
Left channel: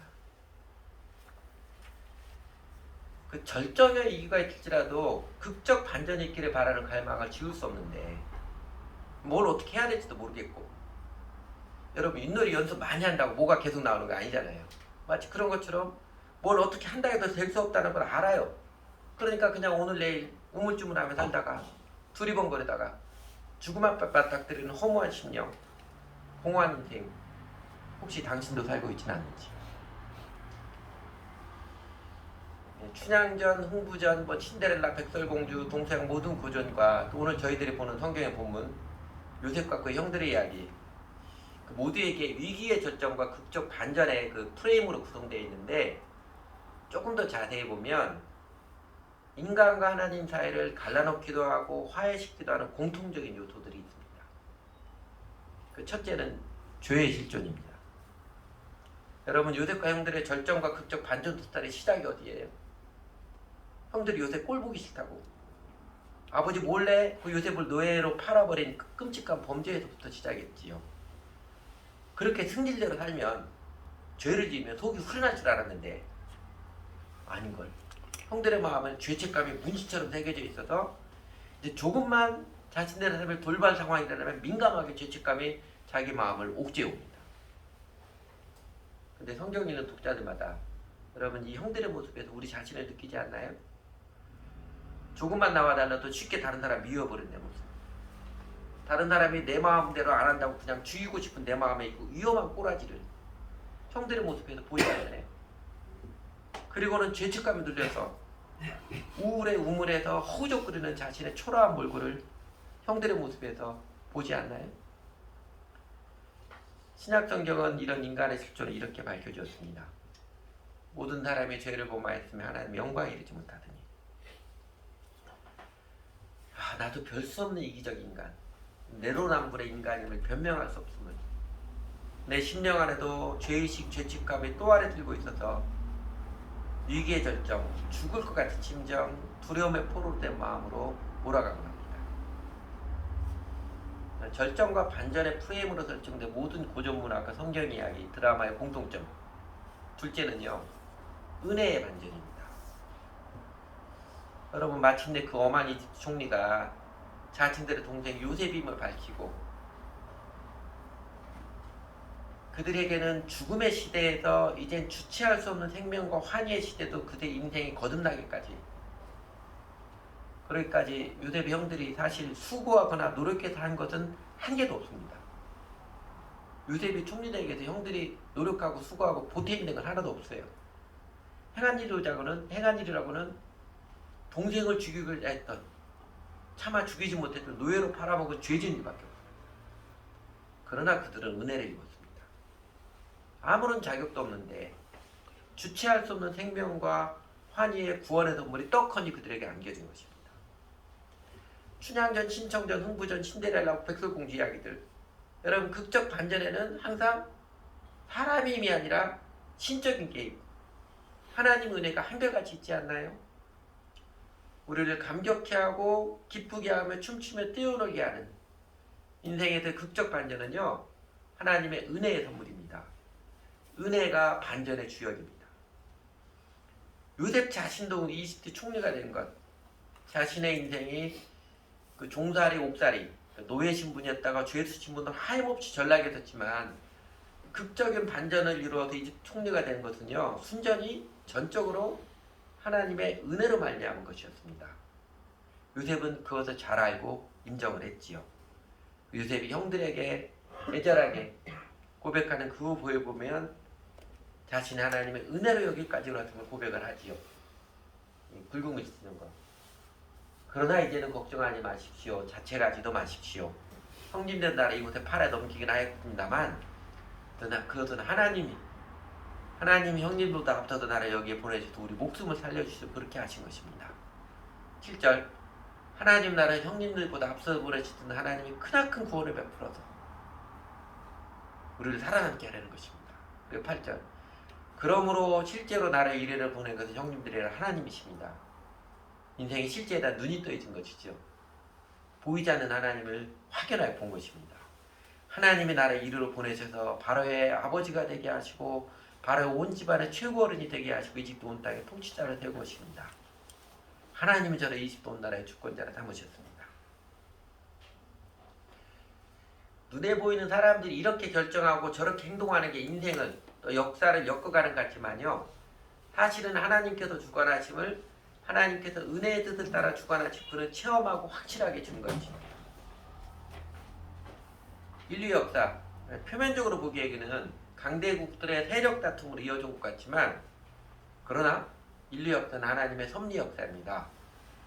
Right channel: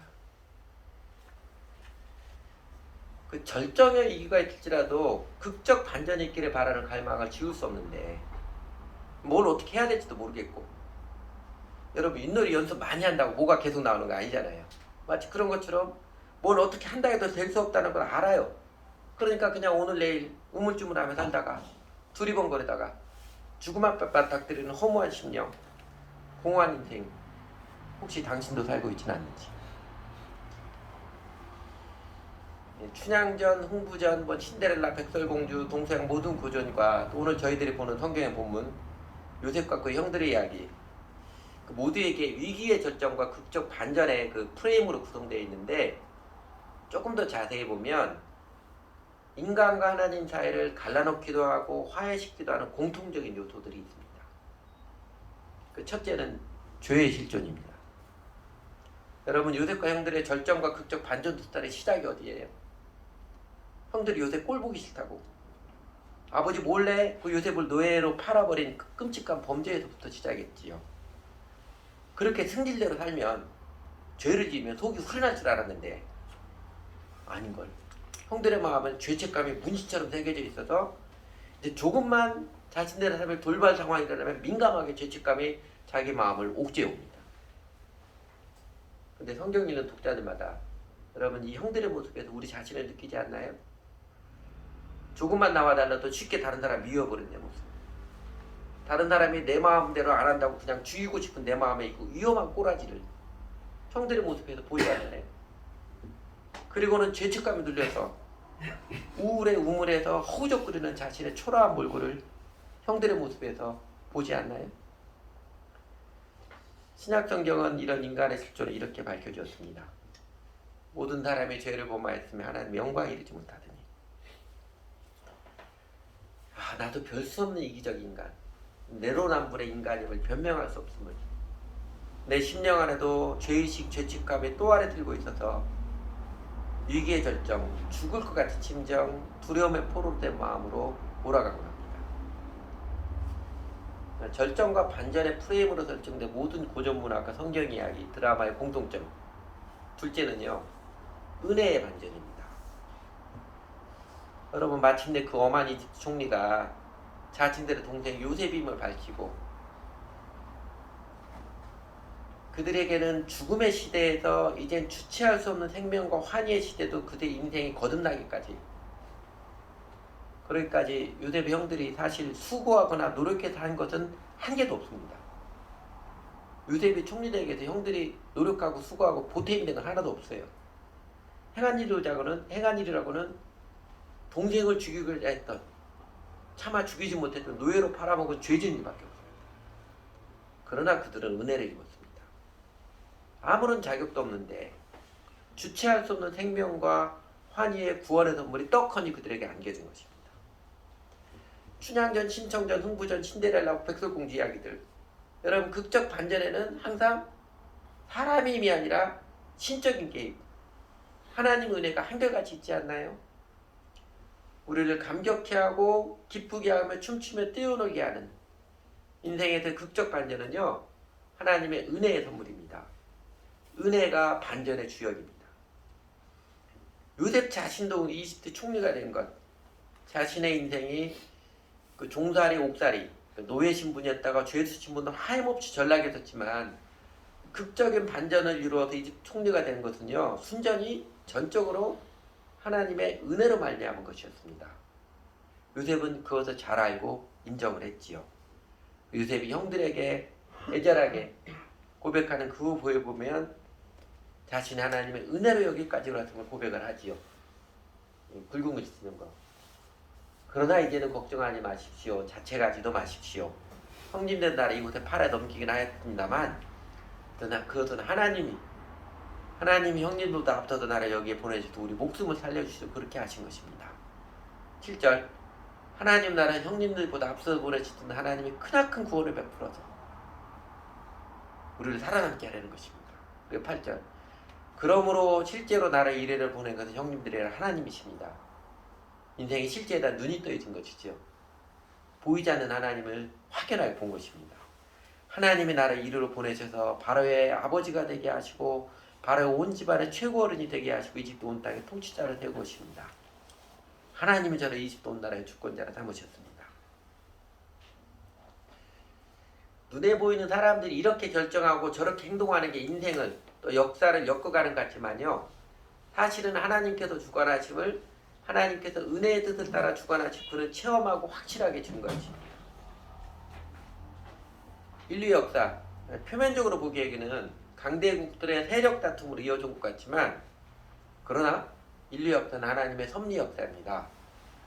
그 절정의 이유가 있을지라도 극적 반전이 있기를 바라는 갈망을 지울 수 없는데 뭘 어떻게 해야 될지도 모르겠고, 여러분 윷놀이 연습 많이 한다고 뭐가 계속 나오는 거 아니잖아요. 마치 그런 것처럼 뭘 어떻게 한다 해도 될 수 없다는 걸 알아요. 그러니까 그냥 오늘 내일 우물쭈물하면서 살다가 두리번거리다가 죽음 앞에 맞닥뜨리는 허무한 심령, 공허한 인생, 혹시 당신도 살고 있지는 않는지. 춘향전, 흥부전, 신데렐라, 백설공주, 동서양 모든 고전과 또 오늘 저희들이 보는 성경의 본문 요셉과 그 형들의 이야기, 그 모두에게 위기의 절정과 극적 반전의 그 프레임으로 구성되어 있는데, 조금 더 자세히 보면 인간과 하나님 사이를 갈라놓기도 하고 화해시키기도 하는 공통적인 요소들이 있습니다. 그 첫째는 죄의 실존입니다. 여러분 요셉과 형들의 절정과 극적 반전 스타일의 시작이 어디예요? 형들이 요셉 꼴 보기 싫다고 아버지 몰래 그 요셉을 노예로 팔아버린 그 끔찍한 범죄에서부터 시작했지요. 그렇게 승질대로 살면, 죄를 지으면 속이 후련할 줄 알았는데 아닌걸. 형들의 마음은 죄책감이 문신처럼 새겨져 있어서 이제 조금만 자신들의 삶을 돌발 상황이 일어나면 민감하게 죄책감이 자기 마음을 옥죄옵니다. 근데 성경 읽는 독자들마다 여러분 이 형들의 모습에서 우리 자신을 느끼지 않나요? 조금만 나와달라도 쉽게 다른 사람 미워버린 내 모습, 다른 사람이 내 마음대로 안 한다고 그냥 죽이고 싶은 내 마음의 이 위험한 꼬라지를 형들의 모습에서 보이지 않나요? 그리고는 죄책감에 눌려서 우울에 우물에서 허우적거리는 자신의 초라한 몰골을 형들의 모습에서 보지 않나요? 신약성경은 이런 인간의 실존을 이렇게 밝혀주었습니다. 모든 사람의 죄를 범하였으며 하나님의 영광에 이르지 못하더니, 나도 별 수 없는 이기적 인간, 내로남불의 인간임을 변명할 수 없음을, 내 심령 안에도 죄의식, 죄책감에 또 아래 들고 있어서 위기의 절정, 죽을 것 같은 심정, 두려움에 포로된 마음으로 몰아가고 합니다. 절정과 반전의 프레임으로 설정된 모든 고전 문학과 성경 이야기, 드라마의 공통점. 둘째는요, 은혜의 반전입니다. 여러분 마침내 그 어마니 총리가 자신들의 동생 요셉임을 밝히고, 그들에게는 죽음의 시대에서 이젠 주체할 수 없는 생명과 환희의 시대도 그들의 인생이 거듭나기까지, 그러기까지 요셉의 형들이 사실 수고하거나 노력해서 한 것은 한 개도 없습니다. 요셉이 총리되기 위해서 형들이 노력하고 수고하고 보탬이 된 건 하나도 없어요. 행한 일이라고는 동생을 죽이고자 했던, 차마 죽이지 못했던 노예로 팔아먹은 죄진 일밖에 없습니다. 그러나 그들은 은혜를 입었습니다. 아무런 자격도 없는데 주체할 수 없는 생명과 환희의 구원의 선물이 떡하니 그들에게 안겨진 것입니다. 춘향전, 신청전, 흥부전, 신데렐라, 백설공주 이야기들, 여러분 극적 반전에는 항상 사람의 힘이 아니라 신적인 게 있고 하나님 은혜가 한결같이 있지 않나요? 우리를 감격해 하고 기쁘게 하며 춤추며 뛰어놀게 하는 인생의 그 극적 반전은요, 하나님의 은혜의 선물입니다. 은혜가 반전의 주역입니다. 요셉 자신도 이집트 총리가 된 것, 자신의 인생이 그 종살이 옥살이 노예 신분이었다가 죄수 신분도 하염없이 전락했었지만 극적인 반전을 이루어서 이집트 총리가 된 것은요, 순전히 전적으로 하나님의 은혜로 말미암은 것이었습니다. 요셉은 그것을 잘 알고 인정을 했지요. 요셉이 형들에게 애절하게 고백하는 그 후보에 보면 자신이 하나님의 은혜로 여기까지 올랐음을 고백을 하지요. 굵은 글 쓰는 거. 그러나 이제는 걱정하지 마십시오. 자책하지도 마십시오. 형님들 나라 이곳에 팔아 넘기긴 하였습니다만 그것은 하나님이 형님보다 앞서서 나를 여기에 보내주셔서 우리 목숨을 살려주시고 그렇게 하신 것입니다. 7절 하나님 나라는 형님들보다 앞서서 보내주신 하나님이 크나큰 구원을 베풀어서 우리를 살아남게 하려는 것입니다. 그리고 8절 그러므로 실제로 나라의 이래를 보낸 것은 형님들이라 하나님이십니다. 인생의 실제에다 눈이 떠있는 것이죠. 보이지 않는 하나님을 확연하게 본 것입니다. 하나님이 나를 이리로 보내셔서 바로의 아버지가 되게 하시고 바로의 온 집안의 최고 어른이 되게 하시고 이집트 온 땅의 통치자를 되고 오십니다. 하나님이 저를 이집트 온 나라의 주권자로 삼으셨습니다. 눈에 보이는 사람들이 이렇게 결정하고 저렇게 행동하는 게 인생을 또 역사를 엮어가는 것 같지만요. 사실은 하나님께서 주관하심을 하나님께서 은혜의 뜻을 따라 주관하신 분을 체험하고 확실하게 준 것입니다. 인류 역사 표면적으로 보기에는 강대국들의 세력 다툼으로 이어진 것 같지만 그러나 인류 역사는 하나님의 섭리 역사입니다.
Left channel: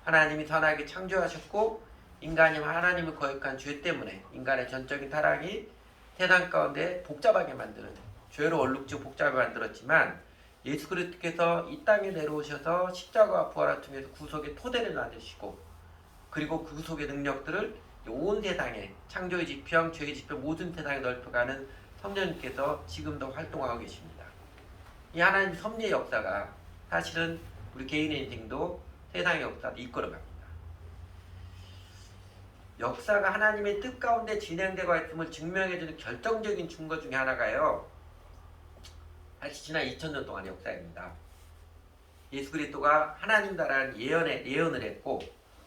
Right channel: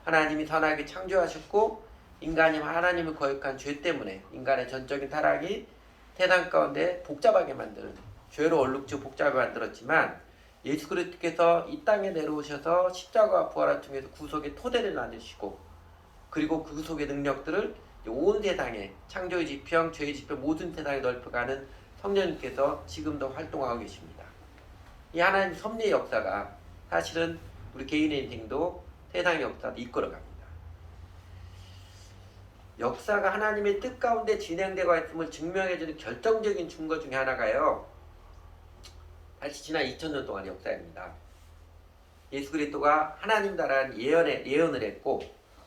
하나님이 선하게 창조하셨고 인간이 하나님을 거역한 죄 때문에 인간의 전적인 타락이 세상 가운데 복잡하게 만드는 죄로 얼룩져 복잡하게 만들었지만 예수 그리스도께서 이 땅에 내려오셔서 십자가와 부활을 통해서 구속의 토대를 만드시고 그리고 그 구속의 능력들을 온 세상에 창조의 지평, 죄의 지평 모든 세상에 넓혀가는 성령님께서 지금도 활동하고 계십니다. 이 하나님 섭리의 역사가 사실은 우리 개인의 인생도 세상의 역사도 이끌어갑니다. 역사가 하나님의 뜻 가운데 진행되고 있음을 증명해주는 결정적인 증거 중에 하나가요. 사실 지난 2000년 동안의 역사입니다. 예수 그리스도가 하나님 나라는 예언을 했고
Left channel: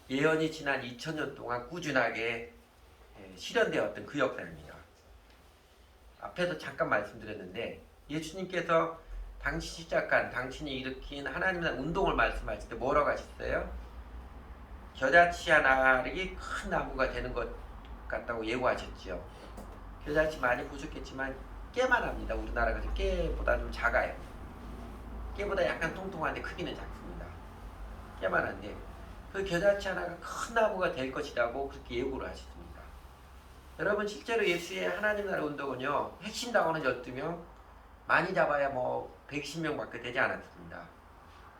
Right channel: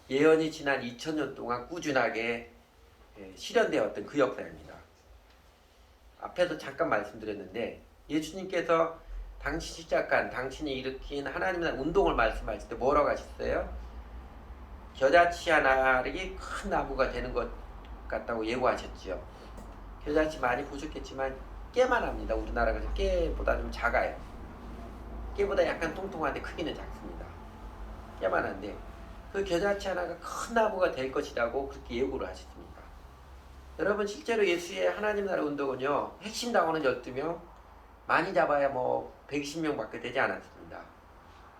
예언이 지난 2000년 동안 꾸준하게 실현되었던 그 역사입니다. 앞에서 잠깐 말씀드렸는데 예수님께서 당신이 일으킨 하나님 나라 운동을 말씀하실 때 뭐라고 하셨어요? 겨자치 하나이 큰 나무가 되는 것 같다고 예고하셨죠. 겨자치 많이 보셨겠지만 깨만 합니다. 우리나라가 깨보다 좀 작아요. 깨보다 약간 통통한데 크기는 작습니다. 깨만 한데 그 겨자치 하나가 큰 나무가 될 것이라고 그렇게 예고를 하셨습니다. 여러분 실제로 예수의 하나님 나라 운동은요. 핵심 당원은 12명 많이 잡아야 120명밖에 되지 않았습니다.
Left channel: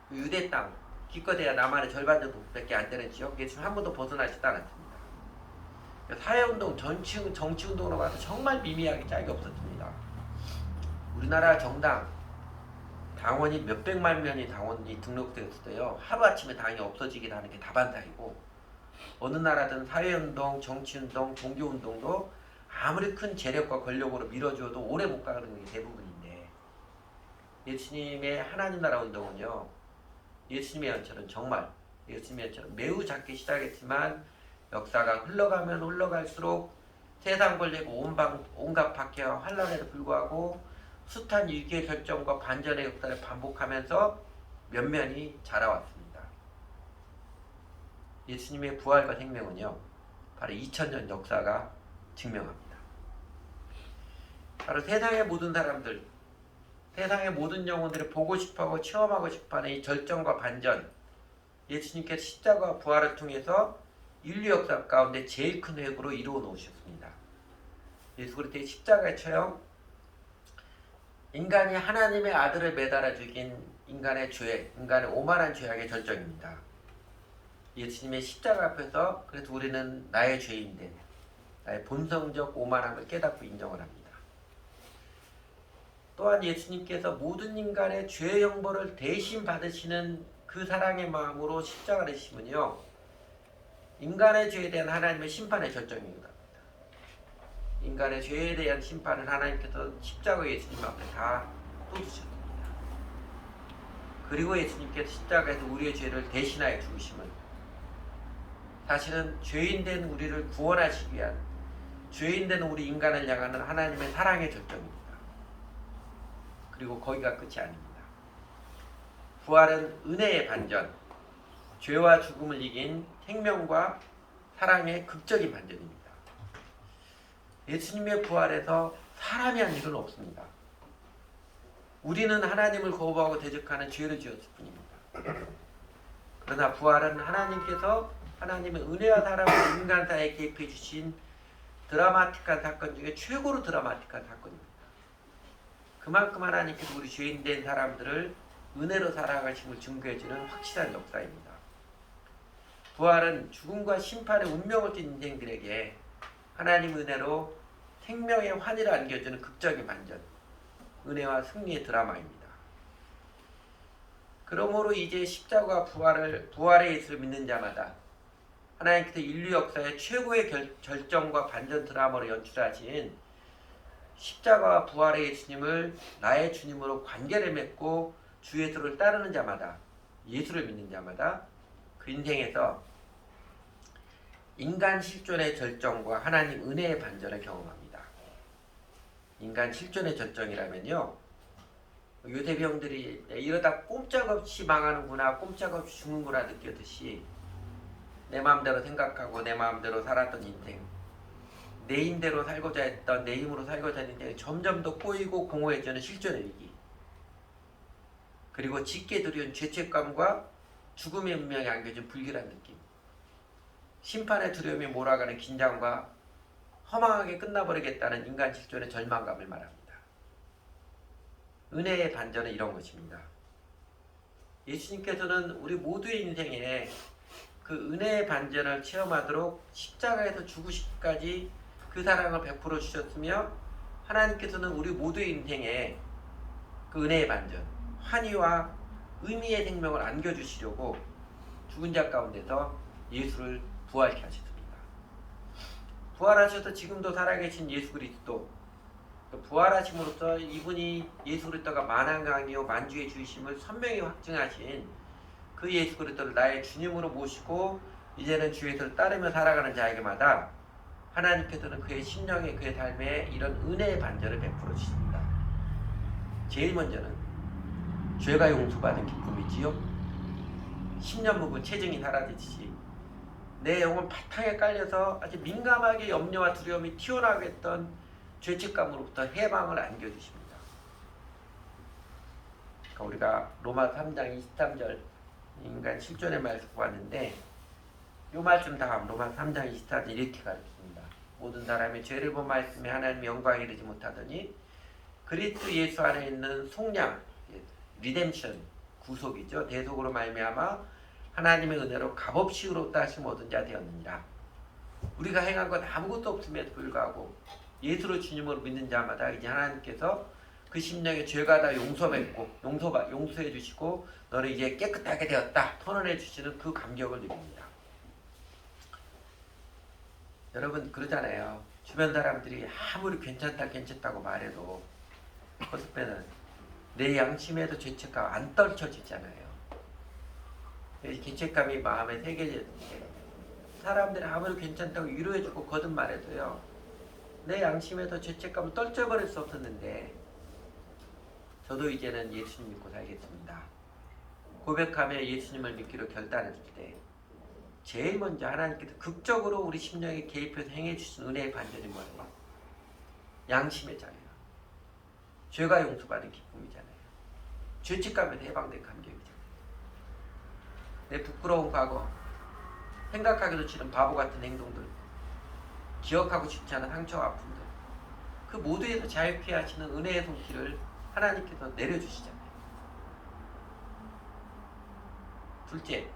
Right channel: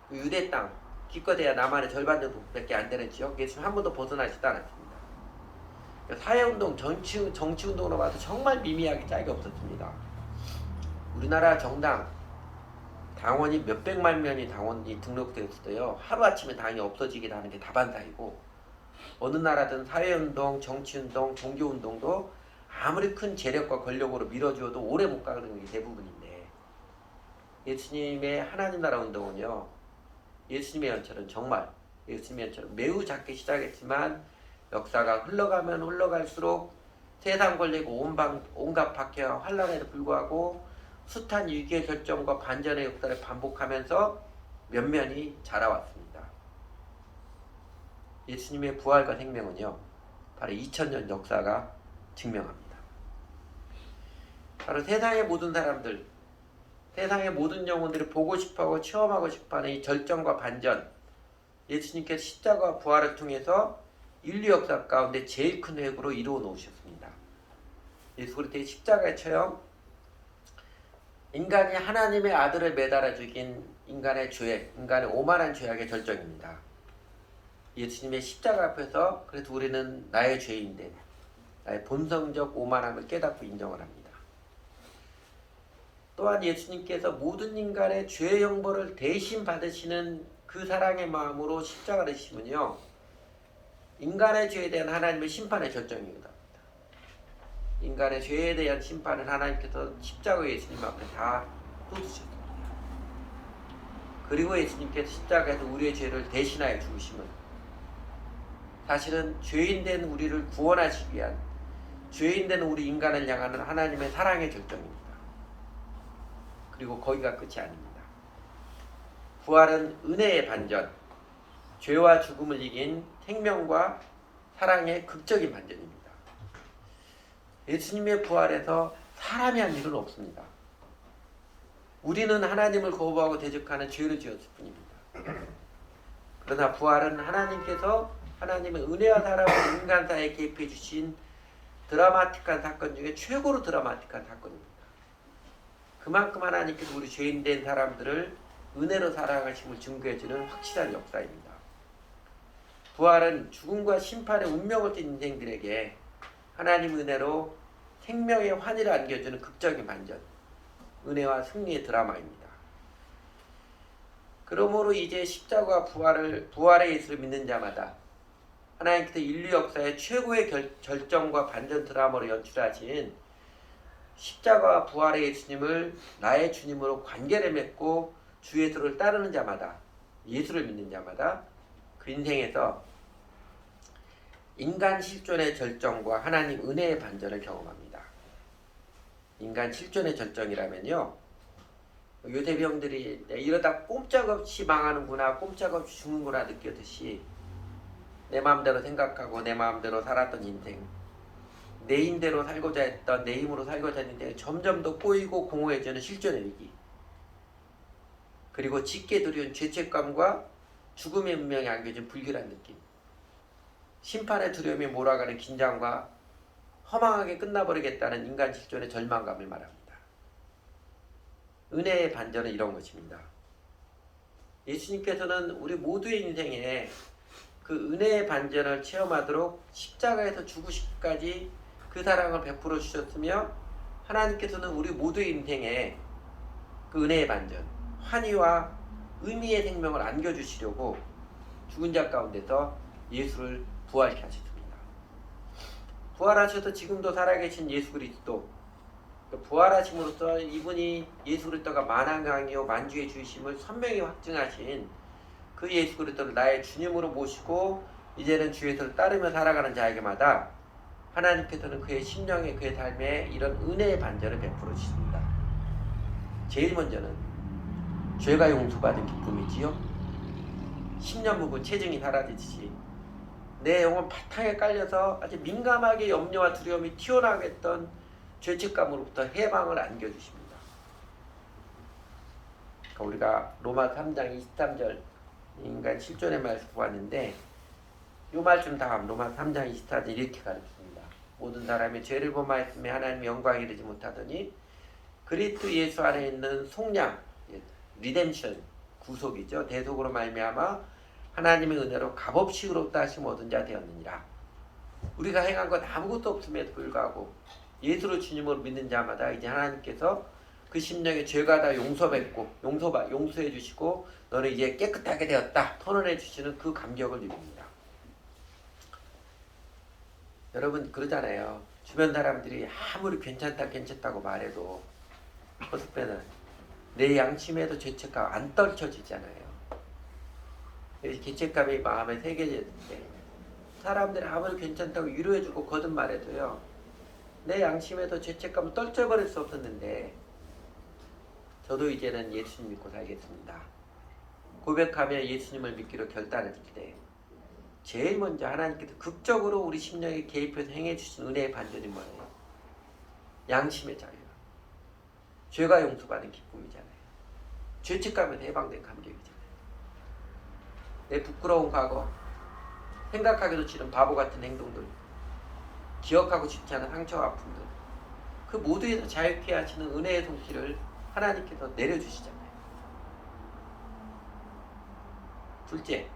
그 유대 땅 기껏해야 남한의 절반밖에 안 되는 지역 예수는 한 번도 벗어나지도 않았습니다. 사회운동, 정치운동으로 봐도 정말 미미하게 짝이 없었습니다. 우리나라 정당 당원이 몇백만 명이 당원이 등록되었어요. 하루아침에 당이 없어지긴 하는 게 다반사이고 어느 나라든 사회운동, 정치운동, 종교운동도 아무리 큰 재력과 권력으로 밀어주어도 오래 못 가는 게 대부분인데 예수님의 하나님 나라 운동은요. 예수님의 연처럼 매우 작게 시작했지만 역사가 흘러가면 흘러갈수록 세상 걸리고 온갖 박해와 환란에도 불구하고 숱한 위기의 결정과 반전의 역사를 반복하면서 면면이 자라왔습니다. 예수님의 부활과 생명은요. 바로 2000년 역사가 증명합니다. 바로 세상의 모든 사람들, 세상의 모든 영혼들을 보고 싶어하고 체험하고 싶어하는 이 절정과 반전 예수님께서 십자가와 부활을 통해서 인류 역사 가운데 제일 큰 회복으로 이루어 놓으셨습니다. 예수 그리스도의 십자가의 체험 인간이 하나님의 아들을 매달아 죽인 인간의 오만한 죄악의 결정입니다. 예수님의 십자가 앞에서 그래도 우리는 나의 죄인된 나의 본성적 오만함을 깨닫고 인정을 합니다. 또한 예수님께서 모든 인간의 죄의 형벌을 대신 받으시는 그 사랑의 마음으로 십자가를 지시면요, 인간의 죄에 대한 하나님의 심판의 결정입니다. 인간의 죄에 대한 심판을 하나님께서 십자가 예수님 앞에 다 쏟으셨습니다. 그리고 예수님께서 십자가에서 우리의 죄를 대신하여 죽으시면 사실은 죄인된 우리를 구원하시기 위한, 죄인된 우리 인간을 향하는 하나님의 사랑의 결정입니다. 그리고 거기가 끝이 아닙니다. 부활은 은혜의 반전, 죄와 죽음을 이긴 생명과 사랑의 극적인 반전입니다. 예수님의 부활에서 사람이 한 일은 없습니다. 우리는 하나님을 거부하고 대적하는 죄를 지었을 뿐입니다. 그러나 부활은 하나님께서 하나님의 은혜와 사랑을 인간 사이에 개입해 주신 드라마틱한 사건 중에 최고로 드라마틱한 사건입니다. 그만큼 하나님께서 우리 죄인된 사람들을 은혜로 사랑하심을 증거해주는 확실한 역사입니다. 부활은 죽음과 심판의 운명을 진 인생들에게 하나님 은혜로 생명의 환희를 안겨주는 극적인 반전, 은혜와 승리의 드라마입니다. 그러므로 이제 십자가와 부활의 예수를 믿는 자마다 하나님께서 인류 역사의 최고의 결정과 반전 드라마로 연출하신 십자가와 부활의 예수님을 나의 주님으로 관계를 맺고 주 예수를 따르는 자마다, 예수를 믿는 자마다 그 인생에서 인간 실존의 절정과 하나님 은혜의 반전을 경험합니다. 인간 실존의 절정이라면요, 요새 병들이 이러다 꼼짝없이 망하는구나, 꼼짝없이 죽는구나 느꼈듯이 내 마음대로 생각하고 내 마음대로 살았던 인생, 내 힘대로 살고자 했던, 내 힘으로 살고자 했던 인생이 점점 더 꼬이고 공허해지는 실존의 위기, 그리고 짙게 두려운 죄책감과 죽음의 운명에 안겨진 불길한 느낌, 심판의 두려움이 몰아가는 긴장과 허망하게 끝나버리겠다는 인간 실존의 절망감을 말합니다. 은혜의 반전은 이런 것입니다. 예수님께서는 우리 모두의 인생에 그 은혜의 반전을 체험하도록 십자가에서 죽으시기까지 그 사랑을 베풀어 주셨으며, 하나님께서는 우리 모두의 인생에 그 은혜의 반전, 환희와 의미의 생명을 안겨주시려고 죽은 자 가운데서 예수를 부활케 하셨습니다. 부활하셔서 지금도 살아계신 예수 그리스도, 부활하심으로써 이분이 예수 그리스도가 만왕강이요 만주의 주이심을 선명히 확증하신 그 예수 그리스도를 나의 주님으로 모시고 이제는 주 예수를 따르며 살아가는 자에게마다 하나님께서는 그의 심령에, 그의 삶에 이런 은혜의 반전을 베풀어 주십니다. 제일 먼저는 죄가 용서받은 기쁨이지요. 10년 묵은 체증이 사라지듯이 내 영혼 바탕에 깔려서 아주 민감하게 염려와 두려움이 튀어나오게 했던 죄책감으로부터 해방을 안겨주십니다. 그러니까 우리가 로마 3장 23절 인간 실존의 말씀 보았는데, 이 말씀 다음 로마 3장 24절 이렇게 가르칩니다. 모든 사람이 죄를 범하였으며 하나님의 영광에 이르지 못하더니 그리스도 예수 안에 있는 속량, 리뎀션, 구속이죠. 대속으로 말미암아 하나님의 은혜로 값없이 의롭다 하심 얻은 자 되었느니라. 우리가 행한 것 아무것도 없음에도 불구하고 예수를 주님으로 믿는 자마다 이제 하나님께서 그 심령의 죄가 다 용서해 주시고 너는 이제 깨끗하게 되었다 선언해 주시는 그 감격을 누립니다. 여러분 그러잖아요. 주변 사람들이 아무리 괜찮다고 말해도 어설프는 내 양심에도 죄책감 안 떨쳐지잖아요. 죄책감이 마음에 새겨졌는데 사람들이 아무리 괜찮다고 위로해주고 거듭말해도요, 내 양심에도 죄책감을 떨쳐버릴 수 없었는데 저도 이제는 예수님 믿고 살겠습니다. 고백하며 예수님을 믿기로 결단했을 때 제일 먼저 하나님께서 극적으로 우리 심령에 개입해서 행해주신 은혜의 반전이 뭐예요? 양심의 자유, 죄가 용서받은 기쁨이잖아요. 죄책감에서 해방된 감격이잖아요. 내 부끄러운 과거, 생각하기도 싫은 바보 같은 행동들, 기억하고 싶지 않은 상처와 아픔들, 그 모두에서 자유케 하시는 은혜의 손길을 하나님께서 내려주시잖아요. 둘째,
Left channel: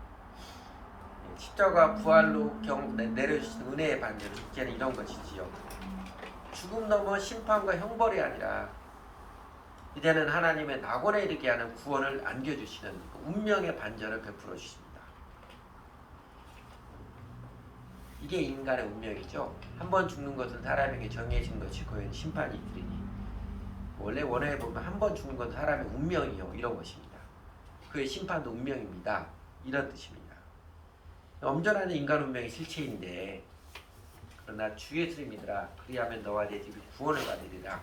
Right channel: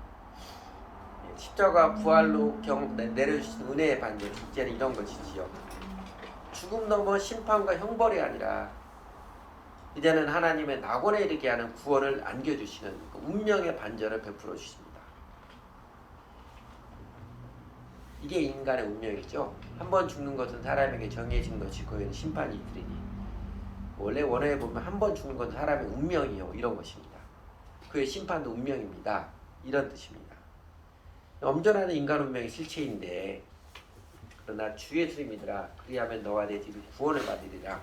십자가 부활로 내려주신 은혜의 반전, 이제는 이런 것이지요. 죽음 넘어 심판과 형벌이 아니라 이제는 하나님의 낙원에 이르게 하는 구원을 안겨주시는 그 운명의 반전을 베풀어 주십니다. 이게 인간의 운명이죠. 한 번 죽는 것은 사람에게 정해진 것이고 심판이 있으리니, 원래 원어에 보면 한 번 죽는 것은 사람의 운명이요 이런 것입니다. 그의 심판도 운명입니다. 이런 뜻입니다. 엄전하는 인간 운명이 실체인데, 그러나 주 예수를 믿으라 그리하면 너와 내 집이 구원을 받으리라.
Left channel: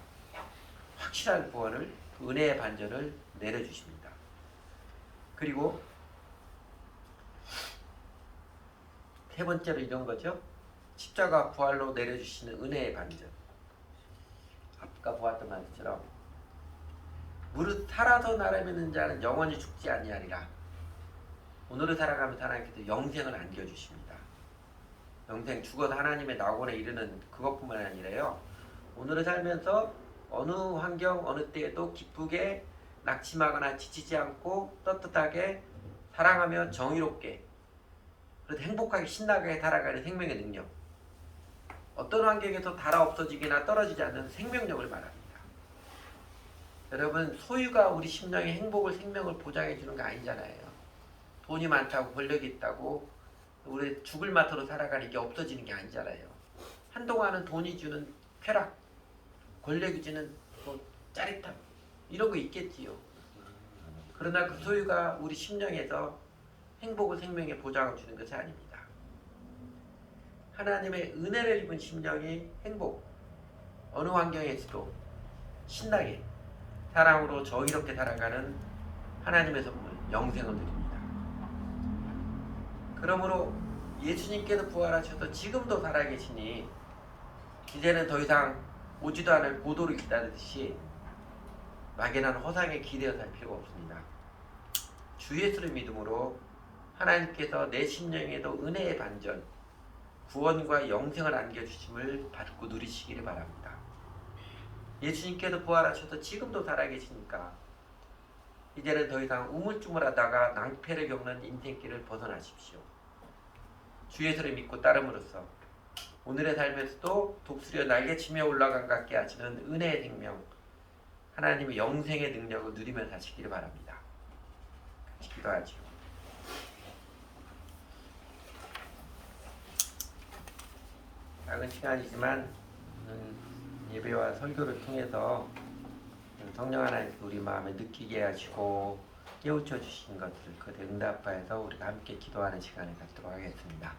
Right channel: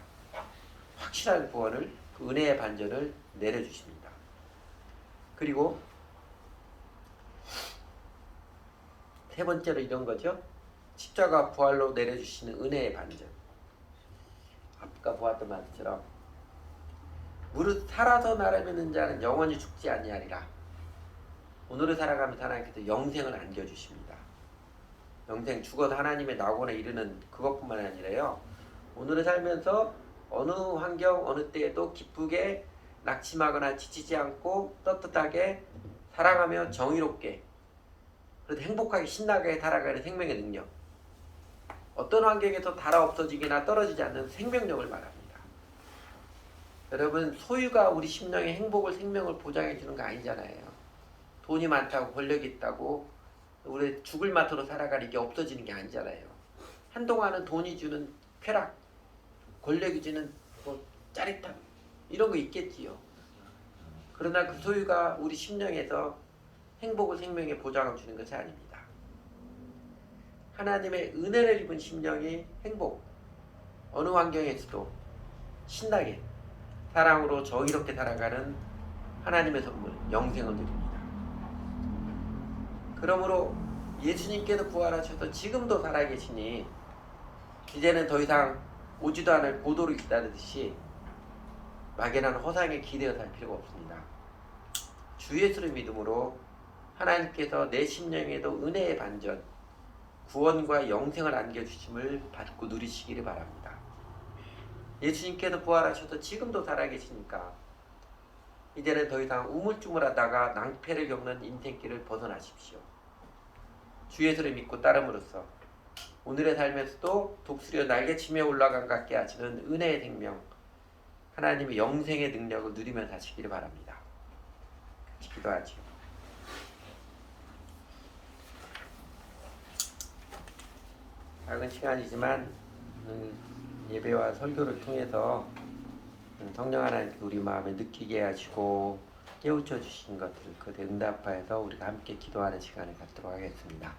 확실한 구원을, 그 은혜의 반전을 내려주십니다. 그리고 세 번째로 이런 거죠. 십자가 부활로 내려주시는 은혜의 반전. 아까 보았던 말처럼 무릇 살아서 나를 믿는 자는 영원히 죽지 아니하리라. 오늘을 살아가면서 하나님께서 영생을 안겨주십니다. 영생, 죽어서 하나님의 낙원에 이르는 그것뿐만 아니라요, 오늘을 살면서 어느 환경 어느 때에도 기쁘게 낙심하거나 지치지 않고 떳떳하게 살아가며 정의롭게, 그래도 행복하게 신나게 살아가는 생명의 능력, 어떤 환경에서 달아 없어지거나 떨어지지 않는 생명력을 말합니다. 여러분, 소유가 우리 심령의 행복을, 생명을 보장해 주는 거 아니잖아요. 돈이 많다고 권력이 있다고 우리 죽을 맛으로 살아가는 게 없어지는 게 아니잖아요. 한동안은 돈이 주는 쾌락, 권력이 주는 짜릿함, 이런 거 있겠지요. 그러나 그 소유가 우리 심령에서 행복을, 생명의 보장을 주는 것이 아닙니다. 하나님의 은혜를 입은 심령이 행복, 어느 환경에서도 신나게 사랑으로 정의롭게 살아가는 하나님의 선물, 영생을 드립니다. 그러므로 예수님께서 부활하셔서 지금도 살아계시니 이제는 더 이상 오지도 않을 고도를 기다리듯이 막연한 허상에 기대어 살 필요가 없습니다. 주 예수를 믿음으로 하나님께서 내 심령에도 은혜의 반전, 구원과 영생을 안겨주심을 받고 누리시기를 바랍니다. 예수님께서 부활하셔서 지금도 살아계시니까 이제는 더 이상 우물쭈물하다가 낭패를 겪는 인생길을 벗어나십시오. 주 예수를 믿고 따름으로써 오늘의 삶에서도 독수리와 날개치며 올라간 같게 하시는 은혜의 생명, 하나님의 영생의 능력을 누리며 사시기를 바랍니다. 같이 기도하죠. 작은 시간이지만 예배와 설교를 통해서 성령 하나님께 우리 마음에 느끼게 하시고 깨우쳐 주신 것들, 그 응답하여서 우리가 함께 기도하는 시간을 갖도록 하겠습니다.